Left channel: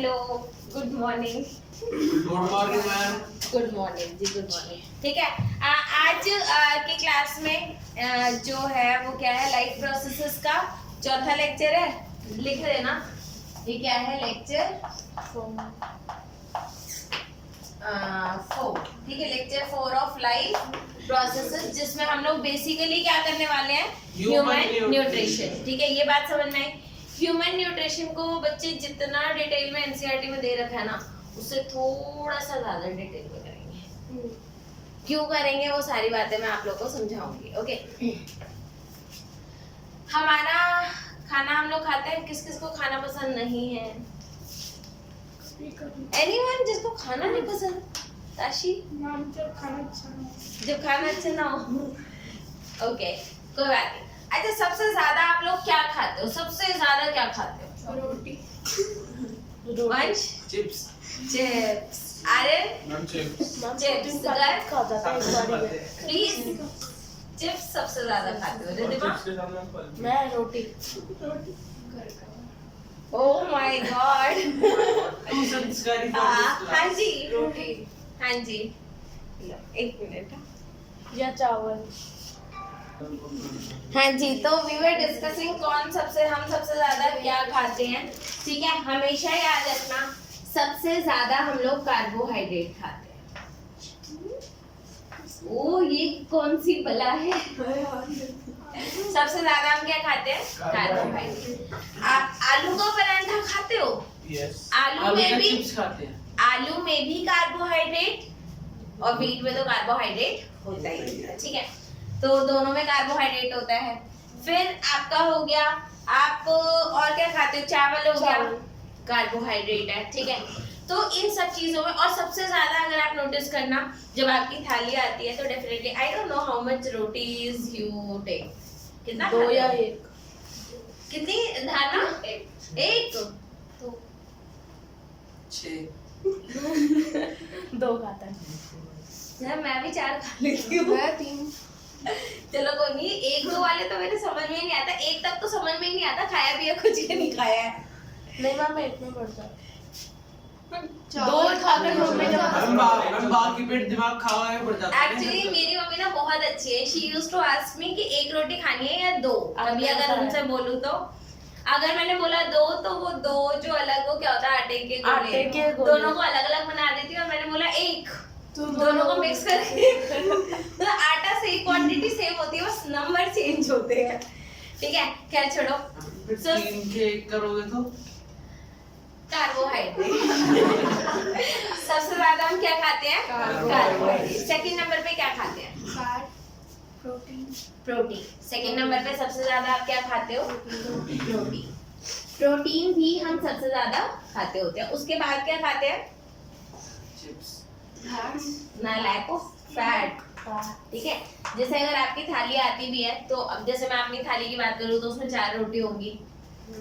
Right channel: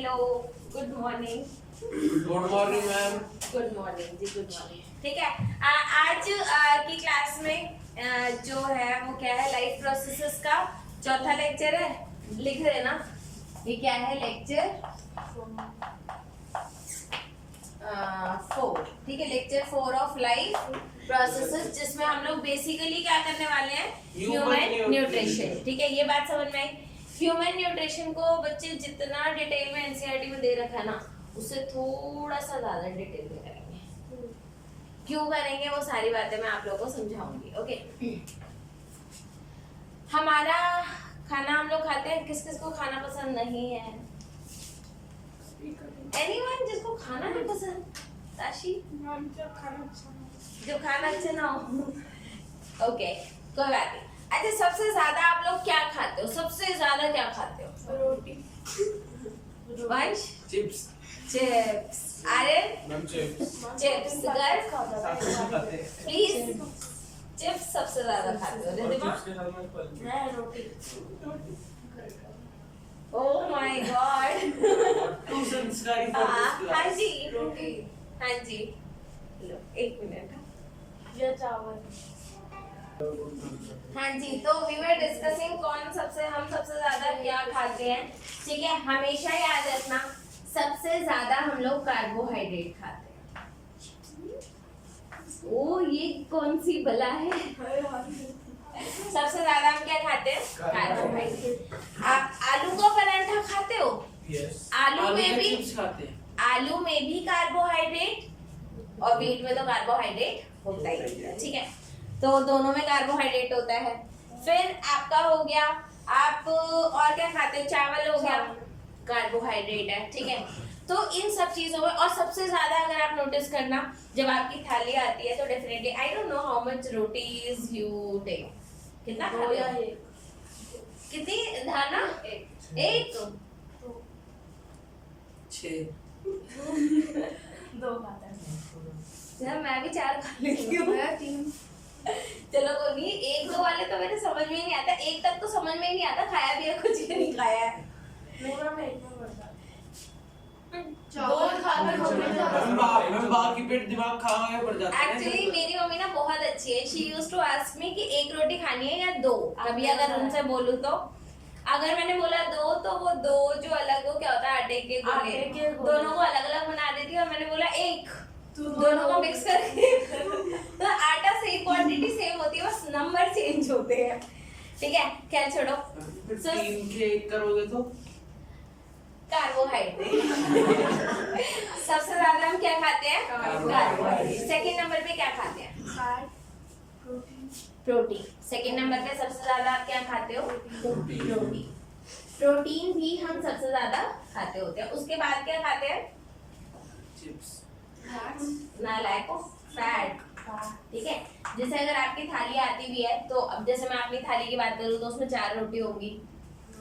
Hello, good morning. Good morning ma'am. Good morning ji, good morning. ठीक है, आज की क्लास में जो है वो क्या है, लाइफ प्रोसेसेस का चौथा लेक्चर है। लिख रहे ना, ये क्या है, लेक्चर 4। ठीक है, लेक्चर 4 ऑफ लाइफ प्रोसेसेस, जिसमें हम लोग बेसिकली क्या करने वाले हैं, ह्यूमन न्यूट्रिशन। ठीक है, ये बात समझ में आई। ह्यूमन न्यूट्रिशन को बच्चे जितना डिटेल में एनसीईआरटी में दे रखा है ना, उससे थोड़ा सा ज्यादा डिटेल में करेंगे। क्यों करेंगे वो सारी बातें मैं आप लोगों को समझाऊंगी। ओके, हमारा खाना हम लोग खाते हैं, किस किस को खाना पसंद नहीं है? एनीवन जिसको खाना नहीं पसंद? ताशी मैम, जब खाना अच्छा ना हो। ओके, कोई बात नहीं। अच्छा, सबसे ज्यादा आप लोग क्या खाते हो? सबसे ज्यादा क्या खाते हो? रोटी। Vansh chips. Chips. Aryan ma'am chips. Chips. Girl please, chips सबसे ज्यादा खाते हो। रिद्धिमा? चिप्स के साथ में फल। मैं रोटी। Oh my God. तू संस्कारी फॉर दिस हाँ जी, रोटी हाँ जी। लो, एक मिनट। या चावल। हाँ जी, तो वी वर डिस्कसिंग हम सबसे ज्यादा क्या खाते हैं। ठीक है, हमेशा याद रखना, सबसे ज्यादा हम लोग कार्बोहाइड्रेट खाते हैं। ओ, ये कौन सी बला है? सबसे ज्यादा हम क्या खाते हैं? कार्बोहाइड्रेट। आप आलू का पराठा खाते हो? यस। आलू में भी चिप्स खाते हैं। आलू में भी कार्बोहाइड्रेट, और व्हीट में तो कार्बोहाइड्रेट होता ही है। ठीक है, तो दोनों में कार्बोहाइड्रेट होता है। फिर आपका हो गया, आप और क्या खाते हो? चावल हो गया, कार्बोहाइड्रेट है। ठीक है, तो इन सब चीजों में, और सबसे ज्यादा अगर आप नोटिस करना, जब आपकी थाली आती है तो definitely, I don't know how much rotis you take. कितना दो खाते या हो? एक। कितनी धारणा? एक। दो खाता है। यार मैं भी 4 खा लेती हूँ। मैं 3। चलो कोई नहीं, 1-2 वाले तो मेरे समझ में ही नहीं आता। एक तक तो समझ में ही नहीं आता, खाया भी है कुछ ही नहीं खाया है। नहीं मैम, मैं इतने बढ़ता। दो खाकर मैम बाकी पेट दिमाग खाए पड़ जाता है। एक्चुअली मेरी मम्मी ना बहुत अच्छी है। She used to ask me कि 1 रोटी खानी है या 2। कभी अगर उनसे बोलूं तो, अगर मैंने बोला 2 तो वो 2 जो अलग, वो क्या होता है, आटे के गोले, दोनों को अलग अलग बना देती है। और मैंने बोला 1, तो दोनों को मिक्स करके तो आटा सेम, क्वांटिटी सेम होती है, बस नंबर चेंज होते हैं। ठीक है, खैर छोड़ो। 3 के करोगे तो कार्बोहाइड्रेट। सबसे ज्यादा हम क्या खाते हैं? कार्बोहाइड्रेट। सेकंड नंबर पे क्या खाते हैं? प्रोटीन। सेकंड नंबर पे सबसे ज्यादा आप क्या खाते हो? प्रोटीन। प्रोटीन भी हम सबसे ज्यादा खाते होते हैं। उसके बाद क्या खाते हैं? चिप्स। नालायक ऑफ फैट। ठीक है, जैसे अगर आपकी थाली आती भी है, तो अब जैसे मैं अपनी थाली की बात करूँ तो उसमें 4 रोटी होंगी,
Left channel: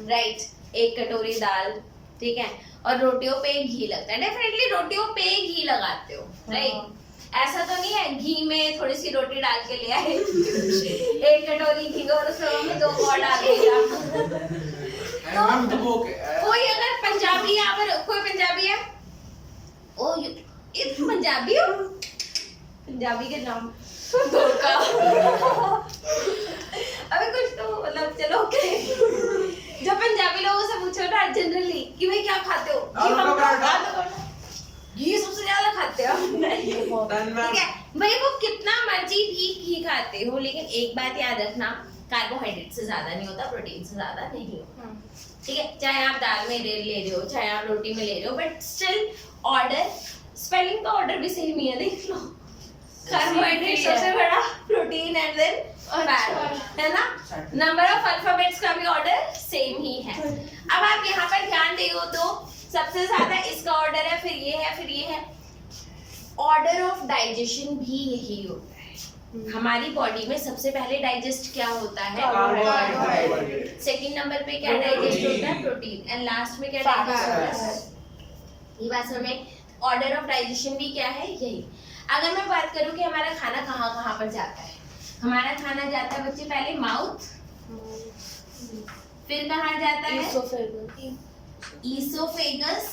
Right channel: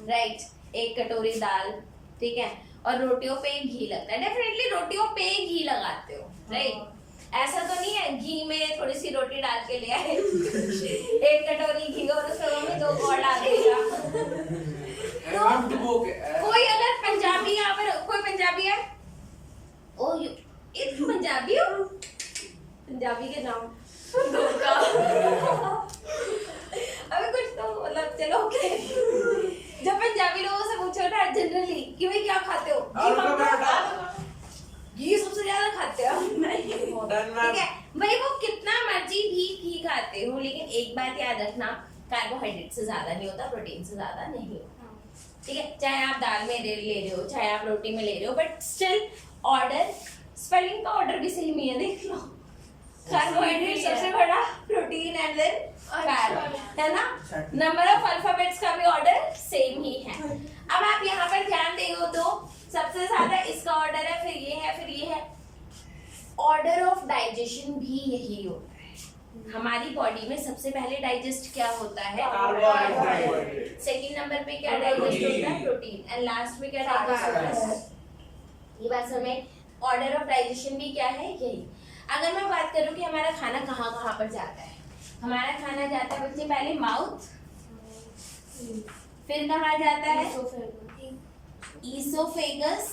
राइट, 1 कटोरी दाल। ठीक है, और रोटियों पे घी लगता है। डेफिनेटली रोटियों पे घी लगाते हो, राइट। ऐसा तो नहीं है घी में थोड़ी सी रोटी डाल के ले आए 1 कटोरी घी को, और उसमें मम्मी 2 और डाल देगा। तो कोई अगर पंजाबी, यहाँ पर कोई पंजाबी है? ओ ये पंजाबी हो? पंजाबी के नाम धोखा। अबे कुछ तो मतलब, चलो ओके। जब पंजाबी लोगों से पूछो ना जनरली कि भाई क्या खाते हो, घी सबसे ज्यादा खाते हो। ठीक है भाई, वो कितना मर्जी भी घी खाते हो, लेकिन एक बात याद रखना, कार्बोहाइड्रेट से ज्यादा नहीं होता, प्रोटीन से ज्यादा नहीं होता। ठीक है, चाहे आप दाल में ले रहे हो, चाहे आप रोटी में ले रहे हो, बट स्टिल ऑर्डर, स्पेलिंग का ऑर्डर भी सेम ही है, देख लो। कार्बोहाइड्रेट सबसे बड़ा, प्रोटीन एंड देन फैट, है ना। नंबर ऑफ अल्फाबेट्स का भी ऑर्डर सेम ही है। अब आप यहाँ पर ध्यान देगा तो सबसे ज्यादा इसका ऑर्डर है, फिर ये है, फिर ये है। ऑर्डर ऑफ डाइजेशन भी यही होता है। हमारी बॉडी में सबसे पहले डाइजेस्ट क्या होता है? कार्बोहाइड्रेट। सेकंड नंबर पे क्या डाइजेस्ट होता है? प्रोटीन। एंड लास्ट में क्या डाइजेस्ट होता है? ये बात समझ में। ऑर्डर ऑफ डाइजेशन भी क्या है? यही। अगर मैं बात करूं कि हमारा खाना कहाँ कहाँ पर जाता है, हमारा खाना जाता है बच्चे पहले माउथ, फिर कहाँ जाता है? ईसोफेगस,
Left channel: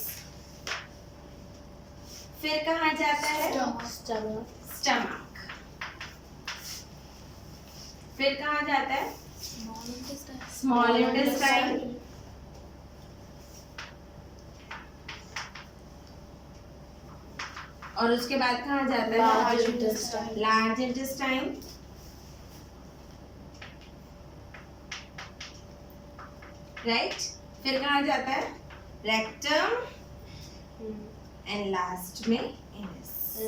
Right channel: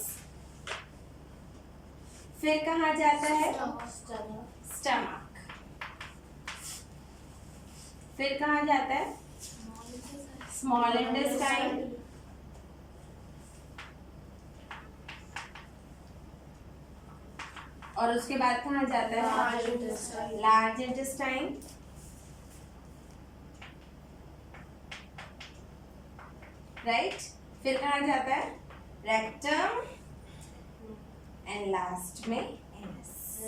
फिर कहाँ जाता है? Stomach. स्टमक। फिर कहाँ जाता है? Small intestine. और उसके बाद कहाँ जाता है? Large intestine. Large intestine. Right, फिर कहाँ जाता है? रेक्टम एंड लास्ट में एनस।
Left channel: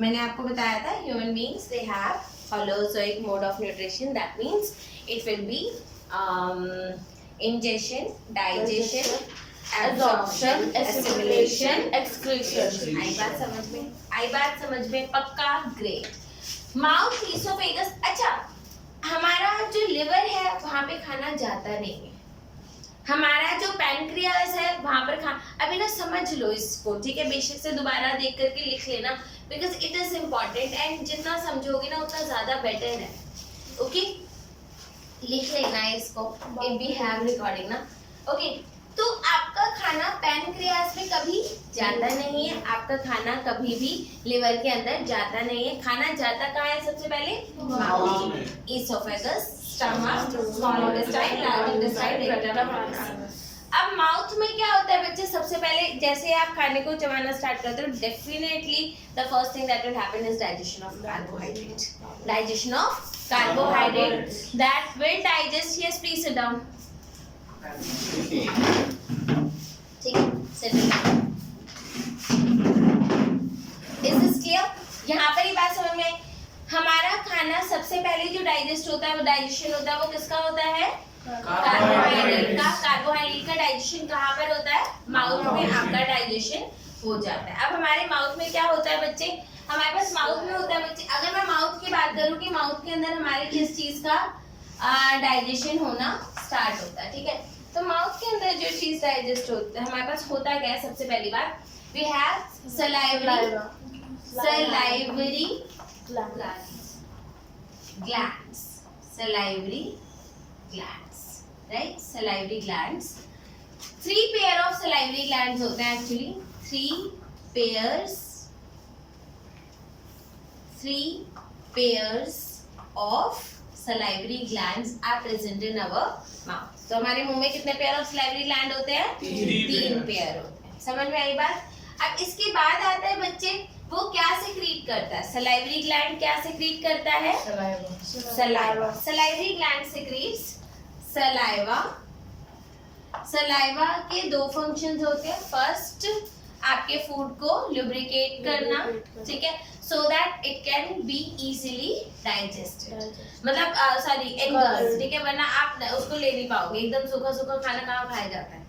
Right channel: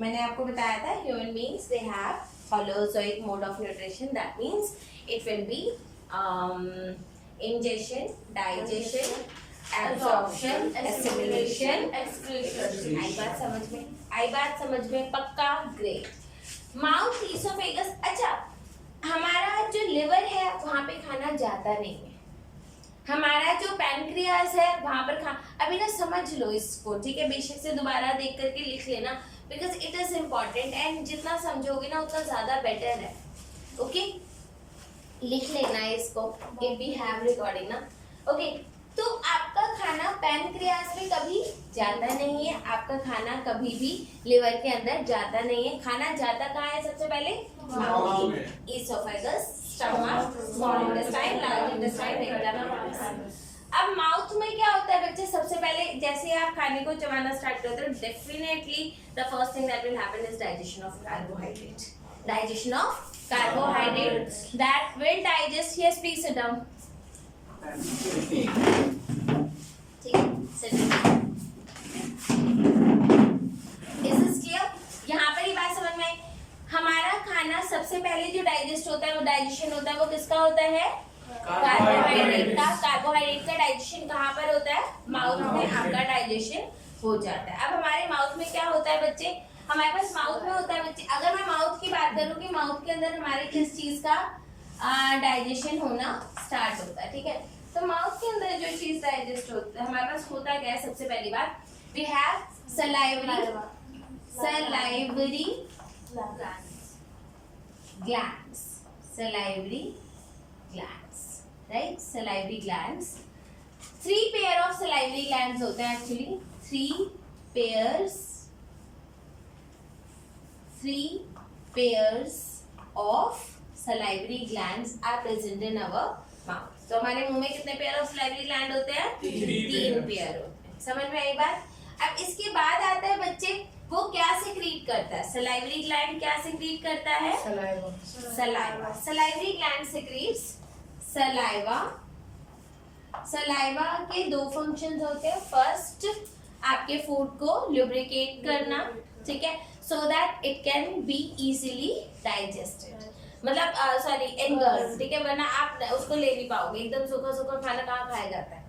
मैंने आपको बताया था human beings they have holozoic mode of nutrition, that means it will be ingestion, digestion, absorption, assimilation, excretion. आई बात समझ में? आई बात समझ में? पक्का? ग्रेट। Mouth, oesophagus. अच्छा, हमारा जो लिवर है वहाँ पे खाना जाता नहीं है। हमारा जो पैनक्रियास है वहाँ पर अभी ना समझ लो इसको, ठीक है? बेशक से दोबारा देख करके लिख लेना, because it is important and जितना समझोगे ना उतना ज़्यादा बेटर है। ओके, लिख लेना है इसको, इफ वी हैव रिकॉर्डिंग ना। ओके, तो आपका खाना पैनक्रियास में कभी जाता नहीं है, आपका खाना कभी भी लिवर के अंदर जाता नहीं है। खाना जाता कहाँ है सबसे पहले? माउथ में, oesophagus, stomach, small intestine, large intestine, rectum. अब माउथ में क्या होता है बच्चे? सबसे पहले जैसे आप खाने को चबाना स्टार्ट करते हो, definitely the first thing that will happen is digestion of carbohydrate. Digestion of carbohydrate that will digest. Yes, please sit down. ठीक है, sit down. Is this clear? यहाँ पर ही बात समझ में आई। हमारा खाना सबसे पहले जो डाइजेस्ट होता है, वो डाइजेशन होता है, वो किसका होता है? कार्बोहाइड्रेट का। कार्बोहाइड्रेट का डाइजेशन कहाँ पर होता है? माउथ में आपका डाइजेशन हो जाता है। अब हमारे माउथ में क्या होता है बच्चे? हमारे पास माउथ में होता है बच्चे, अगर मैं माउथ की बात करूँ कि माउथ के अंदर हमारे किस चीज का डाइजेशन होना स्टार्ट होता है, ठीक है? तो माउथ के अंदर जो चीज डाइजेस्ट होता है, हमारे पास होता क्या है? सबसे पहली बात, we have salivary glands, salivary glands, right? Salivary glands, 3 pair of salivary glands होते हैं actually. 3 pairs of salivary glands are present in our mouth. तो हमारे मुंह में कितने पेयर ऑफ salivary gland होते हैं? 3 पेयर होते हैं। समझ में आई बात? अब इसके बाद आता है बच्चे, वो क्या सिक्रीट करता है? salivary gland क्या सिक्रीट करता है? Saliva. salivary gland secretes saliva. Saliva के 2 फंक्शंस होते हैं। फर्स्ट, आपके फूड को ल्यूब्रिकेट करना, ठीक है, so that it can be easily digested, मतलब सॉरी engulfed, ठीक है, वरना आप उसको ले नहीं पाओगे, एकदम सूखा सूखा खाना कहाँ खाया जाता है,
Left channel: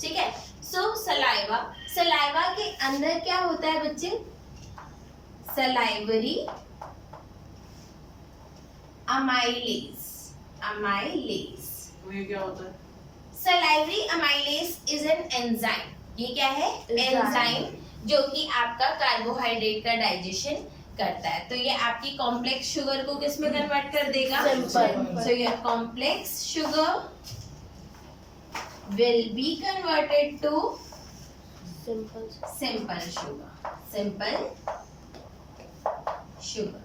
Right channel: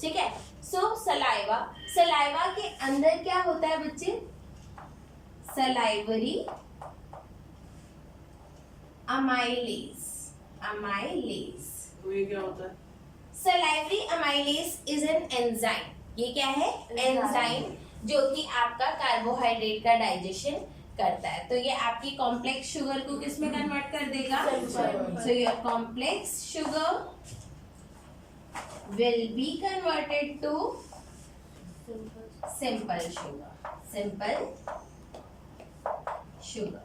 ठीक है? सो सलाइवा, सलाइवा के अंदर क्या होता है बच्चे? Salivary amylase. अमाइलेज, ये क्या होता है? Salivary amylase is an enzyme. ये क्या है? एंजाइम, जो कि आपका कार्बोहाइड्रेट का डाइजेशन करता है। तो ये आपकी कॉम्प्लेक्स शुगर को किस में कन्वर्ट कर देगा? So your complex sugar will be converted to simple sugar. Simple sugar.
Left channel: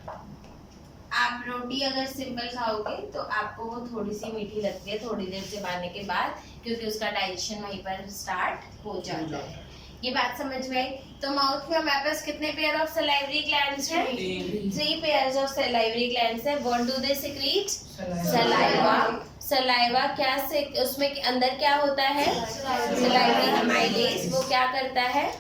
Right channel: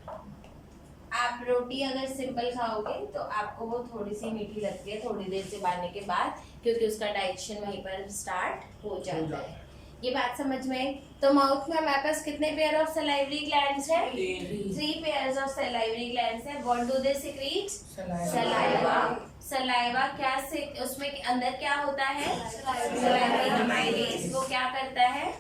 आप रोटी अगर सिंपल खाओगे तो आपको वो थोड़ी सी मीठी लगती है थोड़ी देर चबाने के बाद, क्योंकि उसका डाइजेशन वहीं पर स्टार्ट हो जाता है। ये बात समझ में आई? तो माउथ में हमारे पास कितने पेयर ऑफ सलाइवरी ग्लैंड्स हैं? 3 पेयर्स ऑफ सलाइवरी ग्लैंड्स हैं। What do they secrete? Saliva. Saliva क्या से उसमें अंदर क्या होता है? Salivary amylase. वो क्या करता है?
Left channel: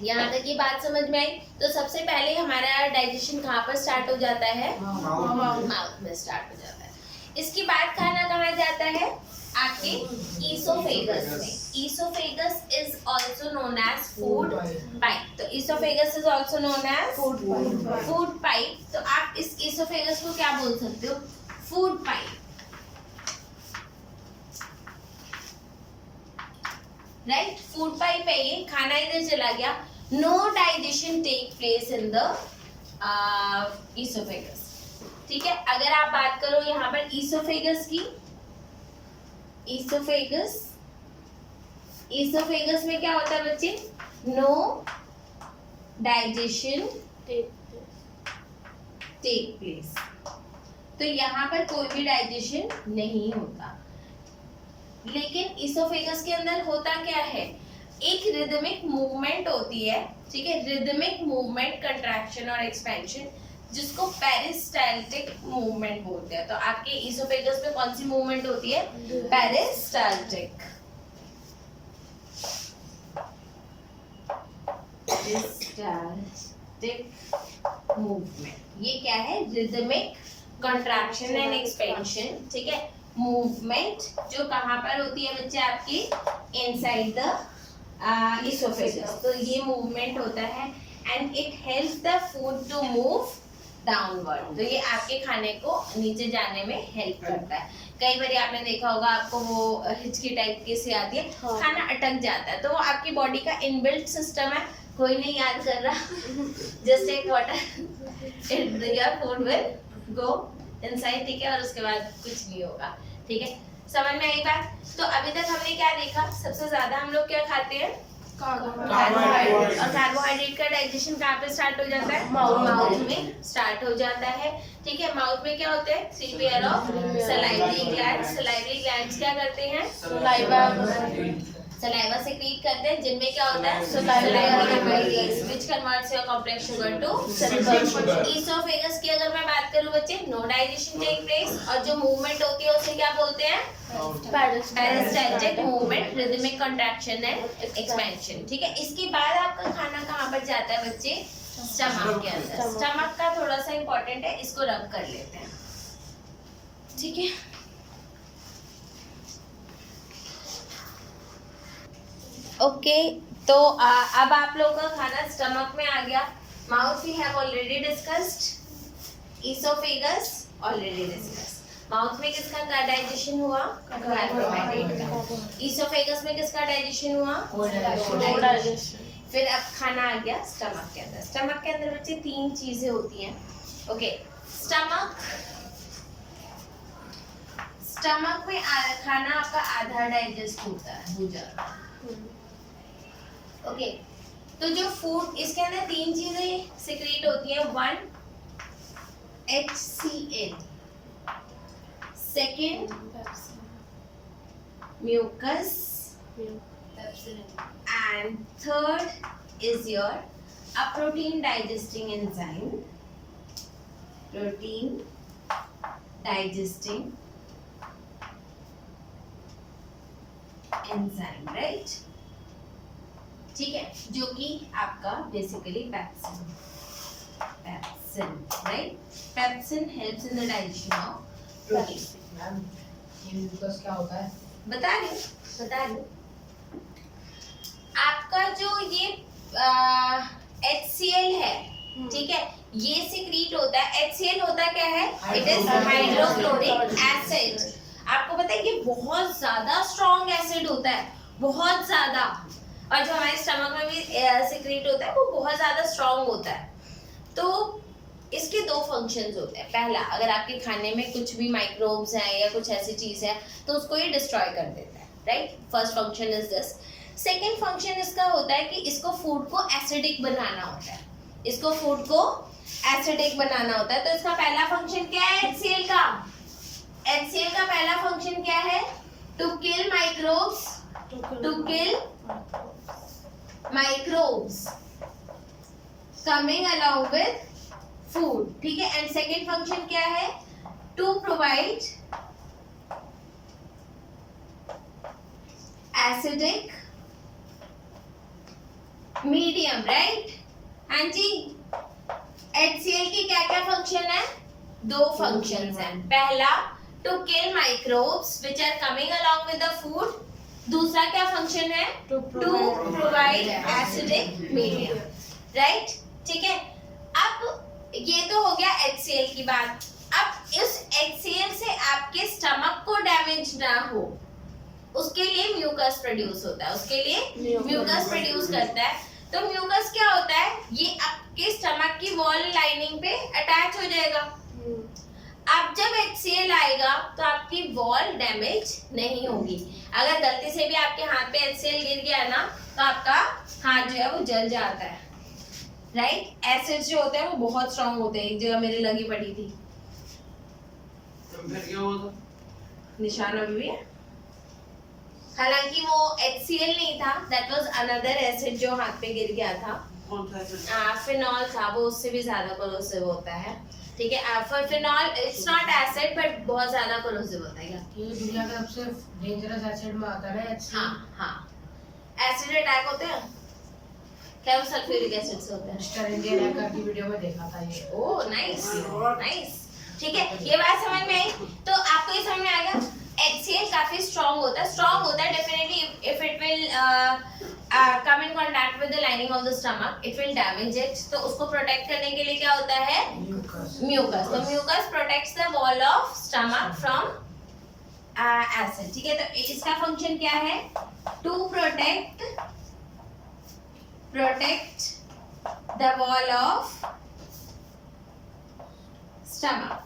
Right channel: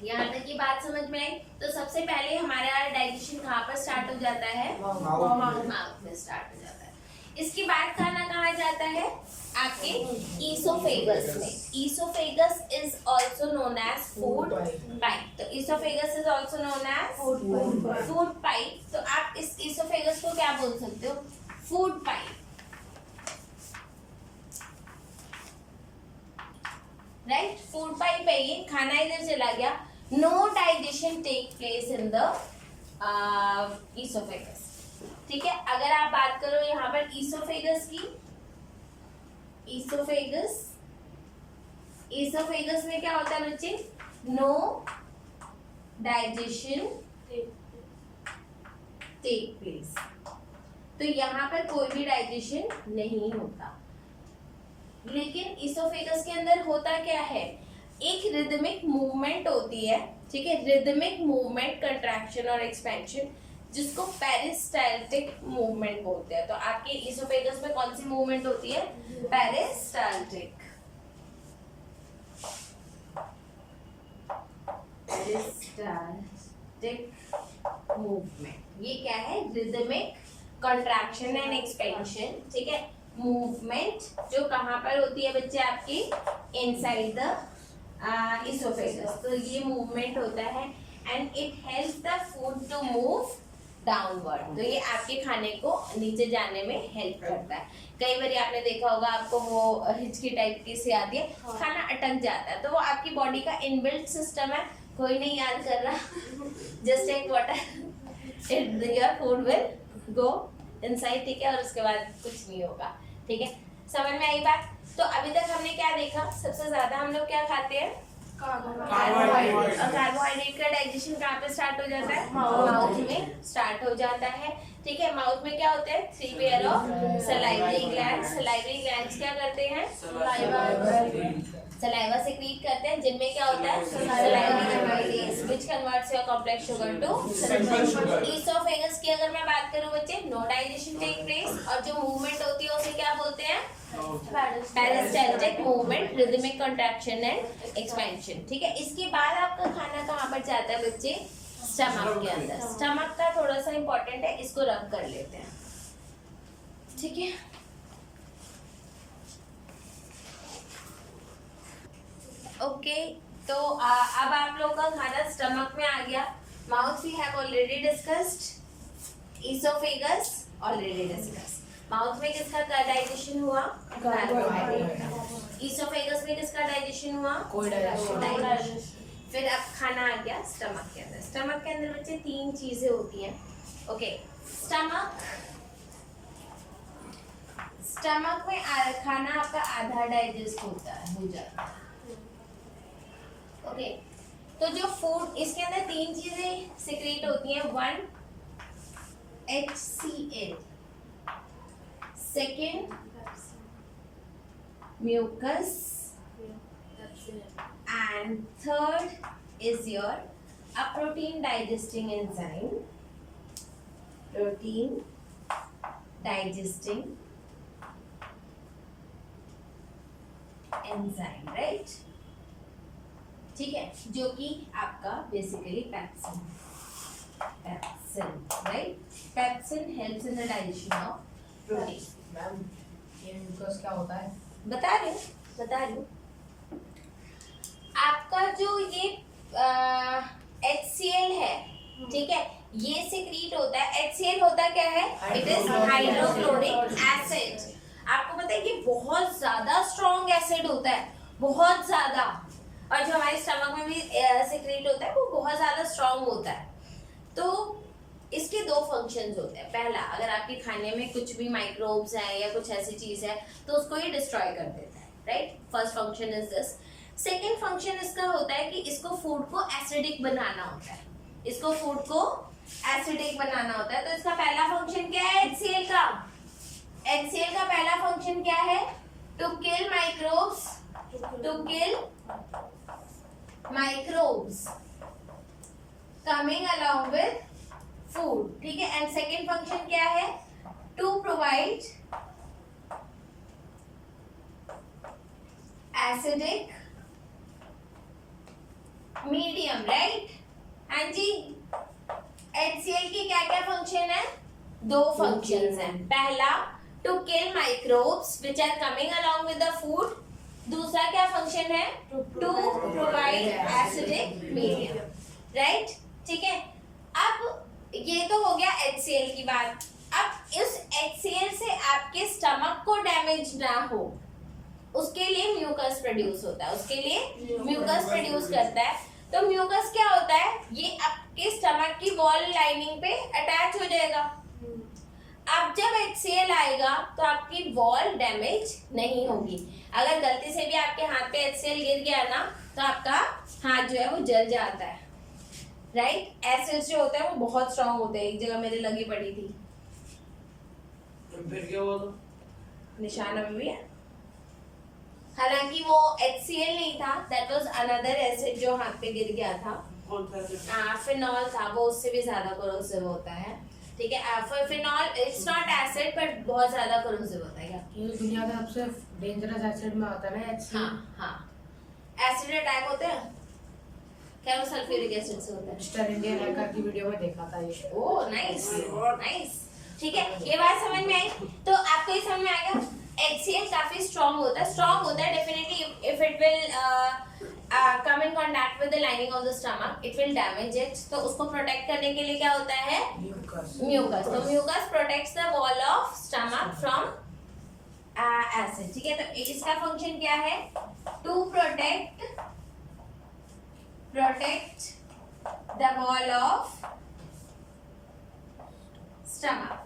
यहाँ तक ये बात समझ में आई? तो सबसे पहले हमारा डाइजेशन कहाँ पर स्टार्ट हो जाता है? माउथ में स्टार्ट हो जाता है। इसके बाद खाना कहाँ जाता है? आपके ईसोफेगस में। Oesophagus is also known as food pipe. तो oesophagus is also known as food pipe. तो आप इस ईसोफेगस को क्या बोल सकते हो? Food pipe, right? Food pipe है ये। खाना इधर चला गया, no digestion take place in the oesophagus, ठीक है? अगर आप बात करो यहाँ पर ईसोफेगस की, ईसोफेगस, ईसोफेगस में क्या होता है बच्चे? नो डाइजेशन टेक प्लेस, तो यहाँ पर कोई भी डाइजेशन नहीं होता। लेकिन ईसोफेगस के अंदर होता क्या है? एक रिदमिक मूवमेंट होती है, ठीक है, रिदमिक मूवमेंट, कंट्रैक्शन और एक्सपेंशन, जिसको पेरिस्टाल्टिक मूवमेंट बोलते हैं। तो आपके ईसोफेगस में कौन सी मूवमेंट होती है? पेरिस्टाल्टिक। पेरिस्टाल्टिक मूवमेंट, ये क्या है? रिदमिक कंट्रैक्शन एंड एक्सपेंशन, ठीक है, मूवमेंट जो कहाँ पर होती है बच्चे? आपकी इनसाइड द ईसोफेगस। तो ये मूवमेंट होता है and it helps the food to move downward, तो ये आपके खाने को नीचे जाने में हेल्प करता है। कई बार आपने देखा होगा, आपको वो हिचकी टाइप की सी आती है, खाना अटक जाता है, तो वो आपकी बॉडी का इनबिल्ट सिस्टम है, कोई नहीं याद कर रहा, just take water, your food will go inside, ठीक है, और उसके बाद कुछ नहीं होगा, ठीक है। समझ में आई बात? तो अभी तक हमने क्या देखा? सबसे ज्यादा हम लोग क्या खाते हैं? कार्बोहाइड्रेट। और कार्बोहाइड्रेट का डाइजेशन कहाँ पे स्टार्ट हो जाता है? माउथ में स्टार्ट हो जाता है, ठीक है। माउथ में क्या होते हैं? 3 pair of salivary glands. Salivary glands क्या करते हैं? सलाइवा सेक्रीट करते हैं, जिनमें क्या होता है? Saliva which converts your complex sugar to simple sugar. Oesophagus की अगर मैं बात करूं बच्चे, नो डाइजेशन टेक प्लेस, और जो मूवमेंट होती है उसे क्या बोलते हैं? Peristaltic movement, rhythmic contraction and expansion, ठीक है। इसके बाद आपका खाना कहाँ पर जाता है बच्चे? स्टमक के अंदर। स्टमक का थोड़ा सा इंपॉर्टेंट है, इसको रब कर लेते हैं, ठीक है। ओके, तो अब आप लोगों का खाना स्टमक में आ गया। Mouth we have already discussed, oesophagus already discussed. Mouth में किसका डाइजेशन हुआ? कार्बोहाइड्रेट का। ईसोफेगस में किसका डाइजेशन हुआ? डाइजेशन। फिर अब खाना आ गया स्टमक के अंदर। स्टमक के अंदर बच्चे 3 चीजें होती हैं। ओके, स्टमक में खाना आपका आधा डाइजेस्ट होता है, हो जाता है। ओके, तो जो फूड, इसके अंदर 3 चीजें सिक्रीट होती हैं। 1 HCl, second mucus, and third is your a protein digesting enzyme, protein digesting enzyme, right? ठीक है, जो कि आपका basically pepsin, right? Pepsin helps in the digestion of protein. Ma'am, ये म्यूकस क्या होता है? बता रही आपका जो ये HCl है, ठीक है, ये सिक्रीट होता है। HCl होता क्या है? It is hydrochloric acid. आपको पता है ये बहुत ज्यादा स्ट्रॉन्ग एसिड होता है, बहुत ज्यादा, और जो हमारे स्टमक में भी सिक्रीट होता है वो बहुत ज्यादा स्ट्रॉन्ग होता है। तो इसके 2 फंक्शंस होते हैं। पहला, अगर आपके खाने में कुछ भी माइक्रोब्स हैं या कुछ ऐसी चीज है तो उसको ये डिस्ट्रॉय कर देता है, right? First function is this. Second function इसका होता है कि इसको फूड को एसिडिक बनाना होता है, इसको फूड को एसिडिक बनाना होता है। तो इसका पहला फंक्शन क्या है? HCl का पहला फंक्शन क्या है? To kill microbes, coming along with food, ठीक है। एंड सेकेंड फंक्शन क्या है? To provide acidic medium, right? हाँ जी, HCl की क्या क्या फंक्शन है? 2 फंक्शंस हैं। पहला, to kill microbes which are coming along with the food. दूसरा क्या फंक्शन है? To provide acidic medium, right? ठीक है, अब ये तो हो गया HCl की बात। अब इस HCl से आपके स्टमक को डैमेज ना हो उसके लिए म्यूकस प्रोड्यूस होता है, उसके लिए म्यूकस प्रोड्यूस करता है। तो म्यूकस क्या होता है? ये आपके स्टमक की वॉल लाइनिंग पे अटैच हो जाएगा। अब जब HCl आएगा तो आपकी वॉल डैमेज नहीं होगी। अगर गलती से भी आपके हाथ पे HCl गिर गया ना तो आपका हाथ जो है वो जल जाता है, राइट। एसिड्स जो होते हैं वो बहुत स्ट्रांग होते हैं। एक जगह मेरे लगी पड़ी थी, फिर क्या हुआ था? निशान अभी भी है। हालांकि वो HCl नहीं था, दैट वाज अनदर एसिड जो हाथ पे गिर गया था। कौन सा एसिड? फिनॉल था, वो उससे भी ज्यादा कोरोसिव होता है, ठीक है। Phenol it's not acid but बहुत ज्यादा कोरोसिव होता है। ये दुनिया का सबसे डेंजरस एसिड में आता है ना HCl। हाँ, एसिड अटैक होते हैं क्या? वो सल्फ्यूरिक एसिड से होते हैं। मिस्टर इंडियन हैकर की वीडियो में देखा था ये। ओह नाइस नाइस, ठीक है। ये बात समझ में आई? तो आपको ये समझ में आ गया HCl काफी स्ट्रांग होता है definitely. If it will come in contact with the lining of the stomach it will damage it. तो उसको प्रोटेक्ट करने के लिए क्या होता है? म्यूकस। तो mucus protects the wall of stomach from acid, ठीक है। तो इसका फंक्शन क्या है? To protect the wall of stomach.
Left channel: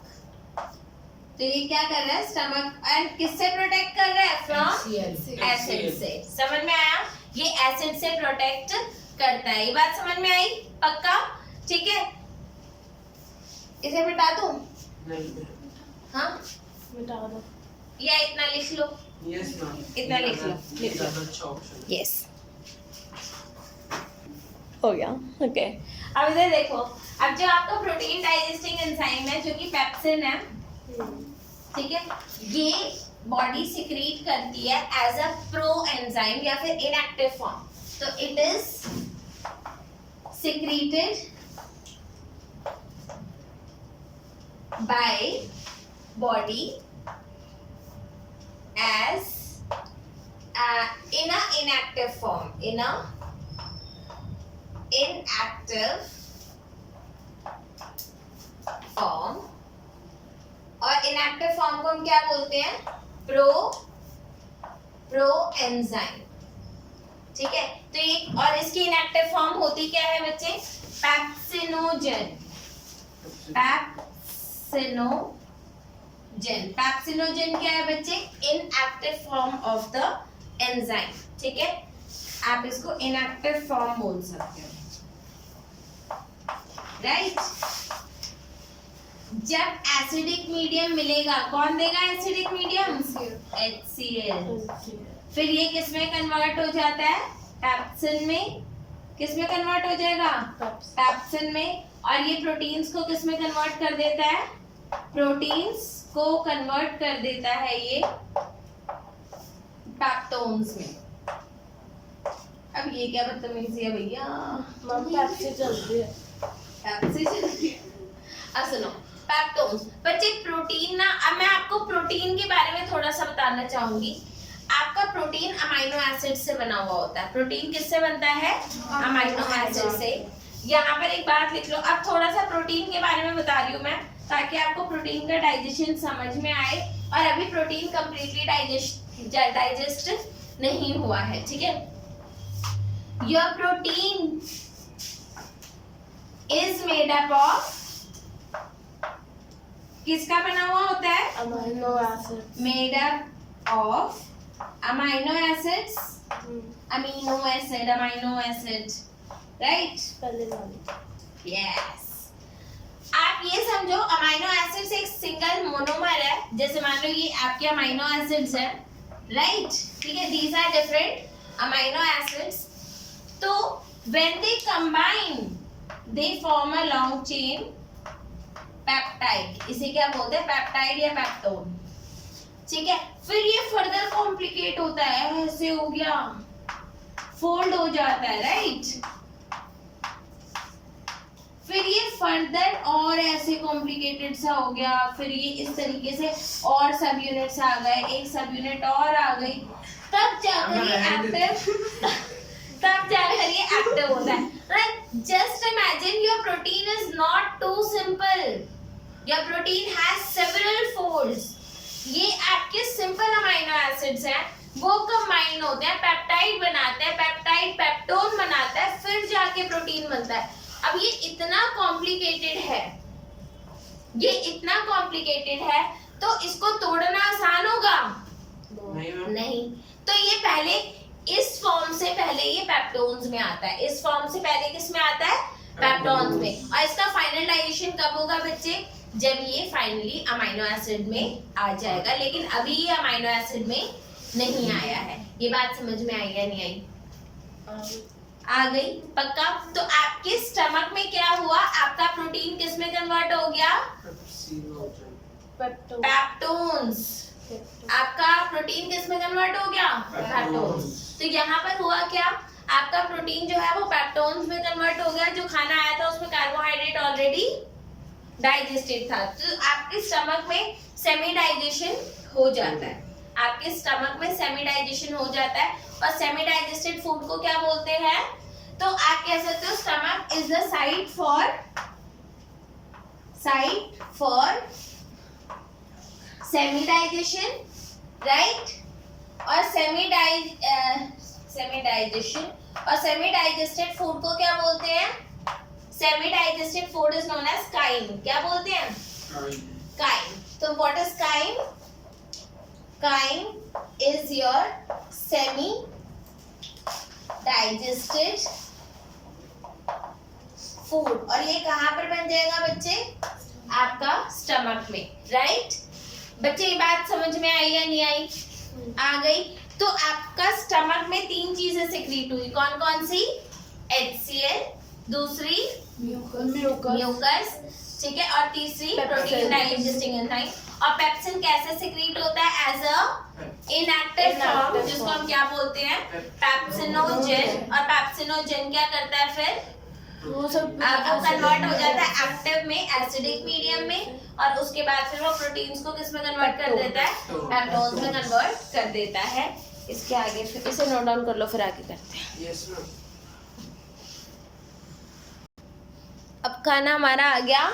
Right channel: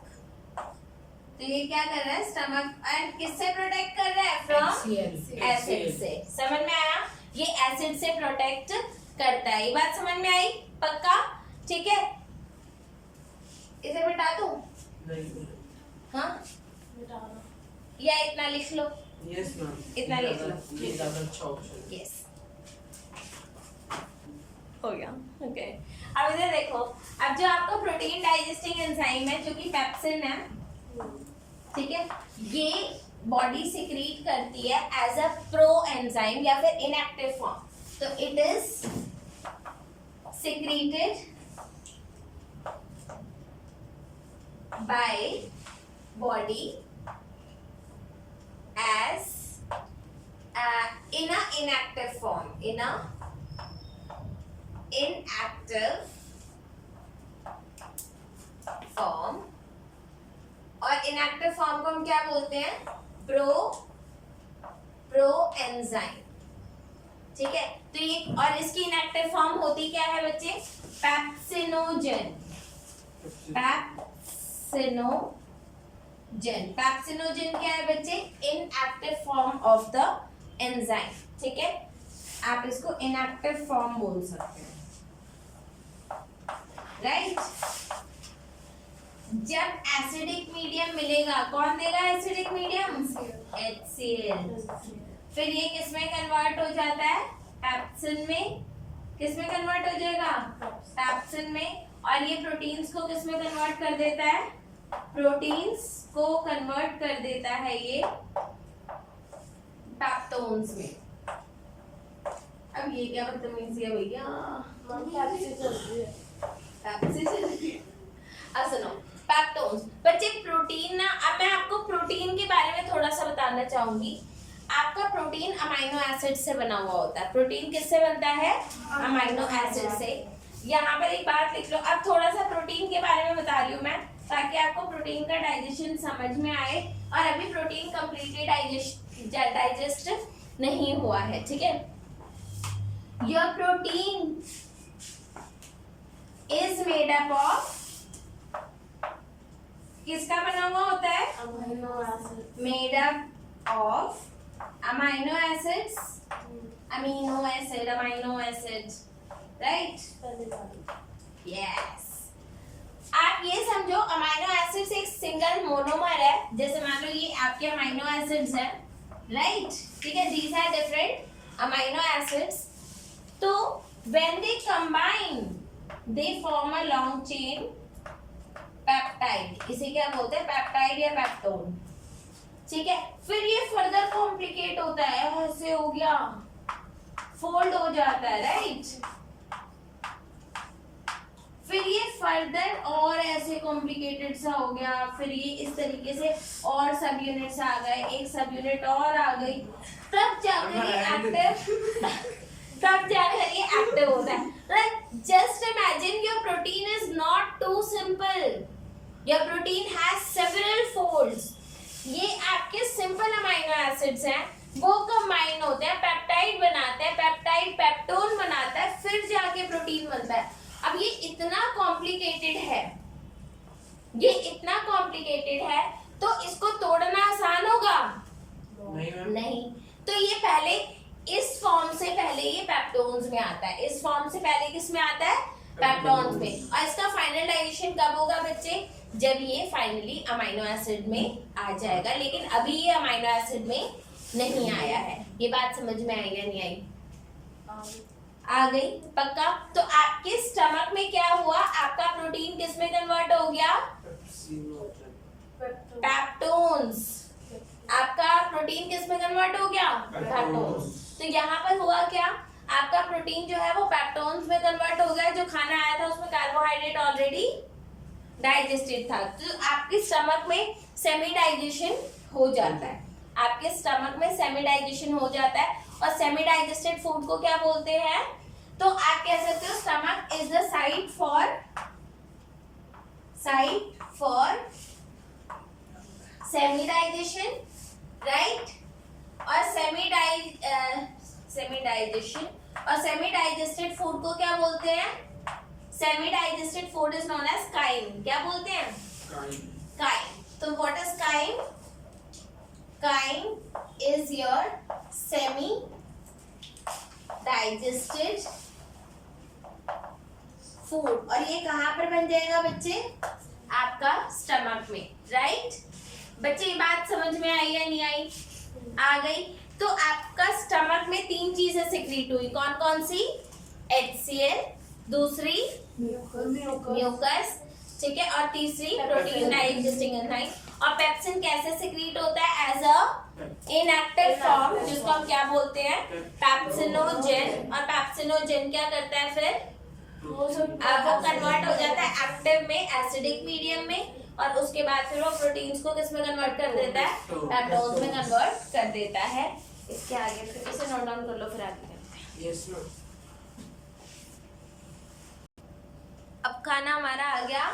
तो ये क्या कर रहा है? स्टमक एंड किससे प्रोटेक्ट कर रहा है? From HCl। एसिड से। समझ में आया? ये एसिड से प्रोटेक्ट करता है। ये बात समझ में आई? पक्का? ठीक है। इसे मिटा दूं? नहीं, हाँ, मिटा दो। या इतना लिख लो। यस मैम, इतना लिख लो। ये ज्यादा अच्छा ऑप्शन है। यस, हो गया। ओके, अब इधर देखो। अब जो आपका प्रोटीन डाइजेस्टिंग एंजाइम है जो कि पेप्सिन है, ठीक है, ये बॉडी सिक्रीट करती है एज अ प्रो एंजाइम या फिर इनएक्टिव फॉर्म। तो it is secreted by body as in a inactive form, और inactive form को हम क्या बोलते हैं? प्रो एंजाइम, ठीक है। तो ये और इसकी inactive form होती क्या है बच्चे? पेप्सिनोजन। पेप्सिनोजन क्या है बच्चे? Inactive form of the enzyme, ठीक है। आप इसको इनएक्टिव फॉर्म बोल सकते हो, राइट। जब एसिडिक मीडियम मिलेगा, कौन देगा एसिडिक मीडियम? HCl। फिर ये किस में कन्वर्ट हो जाता है? पेप्सिन में। किस में कन्वर्ट हो जाएगा? पेप्सिन में। और ये प्रोटीन्स को किस में कन्वर्ट कर देता है? प्रोटीन्स को कन्वर्ट कर देता है ये पेप्टोन्स में। अब ये क्या बदतमीजी है भैया? पेप्सी चलती है। पेप्सी चलती है। अब सुनो, पेप्टोन्स बच्चे प्रोटीन ना। अब मैं आपको प्रोटीन के बारे में थोड़ा सा बताना चाहूंगी। आपका प्रोटीन अमाइनो एसिड से बना हुआ होता है। प्रोटीन किससे बनता है? अमाइनो एसिड से। यहाँ पर एक बात लिख लो। अब थोड़ा सा प्रोटीन के बारे में बता रही हूँ मैं, ताकि आपको प्रोटीन का डाइजेशन समझ में आए। और अभी प्रोटीन कंप्लीटली डाइजेस्ट नहीं हुआ है, ठीक है। Your protein is made up of, किसका बना हुआ होता है? Amino acid. Made up of amino acids, amino acid, right. पहले वाली। यस। आप ये समझो अमाइनो एसिड्स एक सिंगल मोनोमर है। जैसे मान लो ये आपके अमाइनो एसिड्स है, राइट, ठीक है। These are different amino acids. तो when they combine they form a long chain peptide. इसे क्या बोलते हैं? पेप्टाइड या पेप्टोन, ठीक है। फिर ये फर्दर कॉम्प्लिकेट होता है, ऐसे हो गया, फोल्ड हो जाता है, राइट। फिर ये फर्दर और ऐसे कॉम्प्लिकेटेड सा हो गया। फिर ये इस तरीके से और सब यूनिट्स आ गए, एक सब यूनिट और आ गई, तब जाकर ये एक्टिव तब जाकर ये एक्टिव होता है। Like just imagine your protein is not too simple, your protein has several folds. ये आपके सिंपल अमाइनो एसिड्स हैं, वो कंबाइन होते हैं, पेप्टाइड बनाते हैं, पेप्टाइड पेप्टोन बनाता है, फिर जाके प्रोटीन बनता है। अब ये इतना कॉम्प्लिकेटेड है, ये इतना कॉम्प्लिकेटेड है, तो इसको तोड़ना आसान होगा? नहीं मैम। नहीं। तो ये पहले इस फॉर्म से पहले ये पेप्टोन्स में आता है, इस फॉर्म से पहले किस में आता है? पेप्टोन्स में। और इसका फाइनल डाइजेशन कब होगा बच्चे? जब ये फाइनली अमीनो एसिड में आ जाएगा, लेकिन अभी ये अमीनो एसिड में नहीं आया है। ये बात समझ में आई या नहीं आई? आ गई? पक्का? तो आपके स्टमक में क्या हुआ? आपका प्रोटीन किस में कन्वर्ट हो गया? पेप्टोन्स। आपका प्रोटीन किस में कन्वर्ट हो गया? पेप्टोन्स। तो यहाँ पर हुआ क्या? आपका प्रोटीन जो है वो पेप्टोन्स में कन्वर्ट हो गया। जो खाना आया था उसमें कार्बोहाइड्रेट ऑलरेडी डाइजेस्टेड था, तो आपके स्टमक में सेमी डाइजेशन हो जाता है। आपके स्टमक में सेमी डाइजेशन हो जाता है। और सेमी डाइजेस्टेड फूड को क्या बोलते हैं? तो आप कह सकते हो stomach is the site for semi digestion, right? और सेमी डाइजेशन और सेमी डाइजेस्टेड फूड को क्या बोलते हैं? Semi digested food is known as chyme. क्या बोलते हैं? काइम। तो what is chyme? Chyme is your semi digested food. और ये कहाँ पर बन जाएगा बच्चे? आपका स्टमक में, राइट? बच्चे ये बात समझ में आई या नहीं आई? आ गई। तो आपका स्टमक में 3 चीजें सिक्रीट हुई। कौन कौन सी? HCl, दूसरी म्यूकस, ठीक है, और तीसरी प्रोटीन डाइजेस्टिंग एंजाइम। और पेप्सिन कैसे सिक्रीट होता है? एज अ इनएक्टिव फॉर्म, जिसको हम क्या बोलते हैं? पेप्सिनोजेन। और पेप्सिनोजेन क्या करता है फिर? वो कन्वर्ट हो जाता है एक्टिव में, एसिडिक मीडियम में, और उसके बाद फिर वो प्रोटीन्स को किस में कन्वर्ट कर देता है? पेप्टोन्स में कन्वर्ट कर देता है। इसके आगे फिर इसे नोट डाउन कर लो, फिर आगे करते हैं। Yes ma'am. अब खाना हमारा आ गया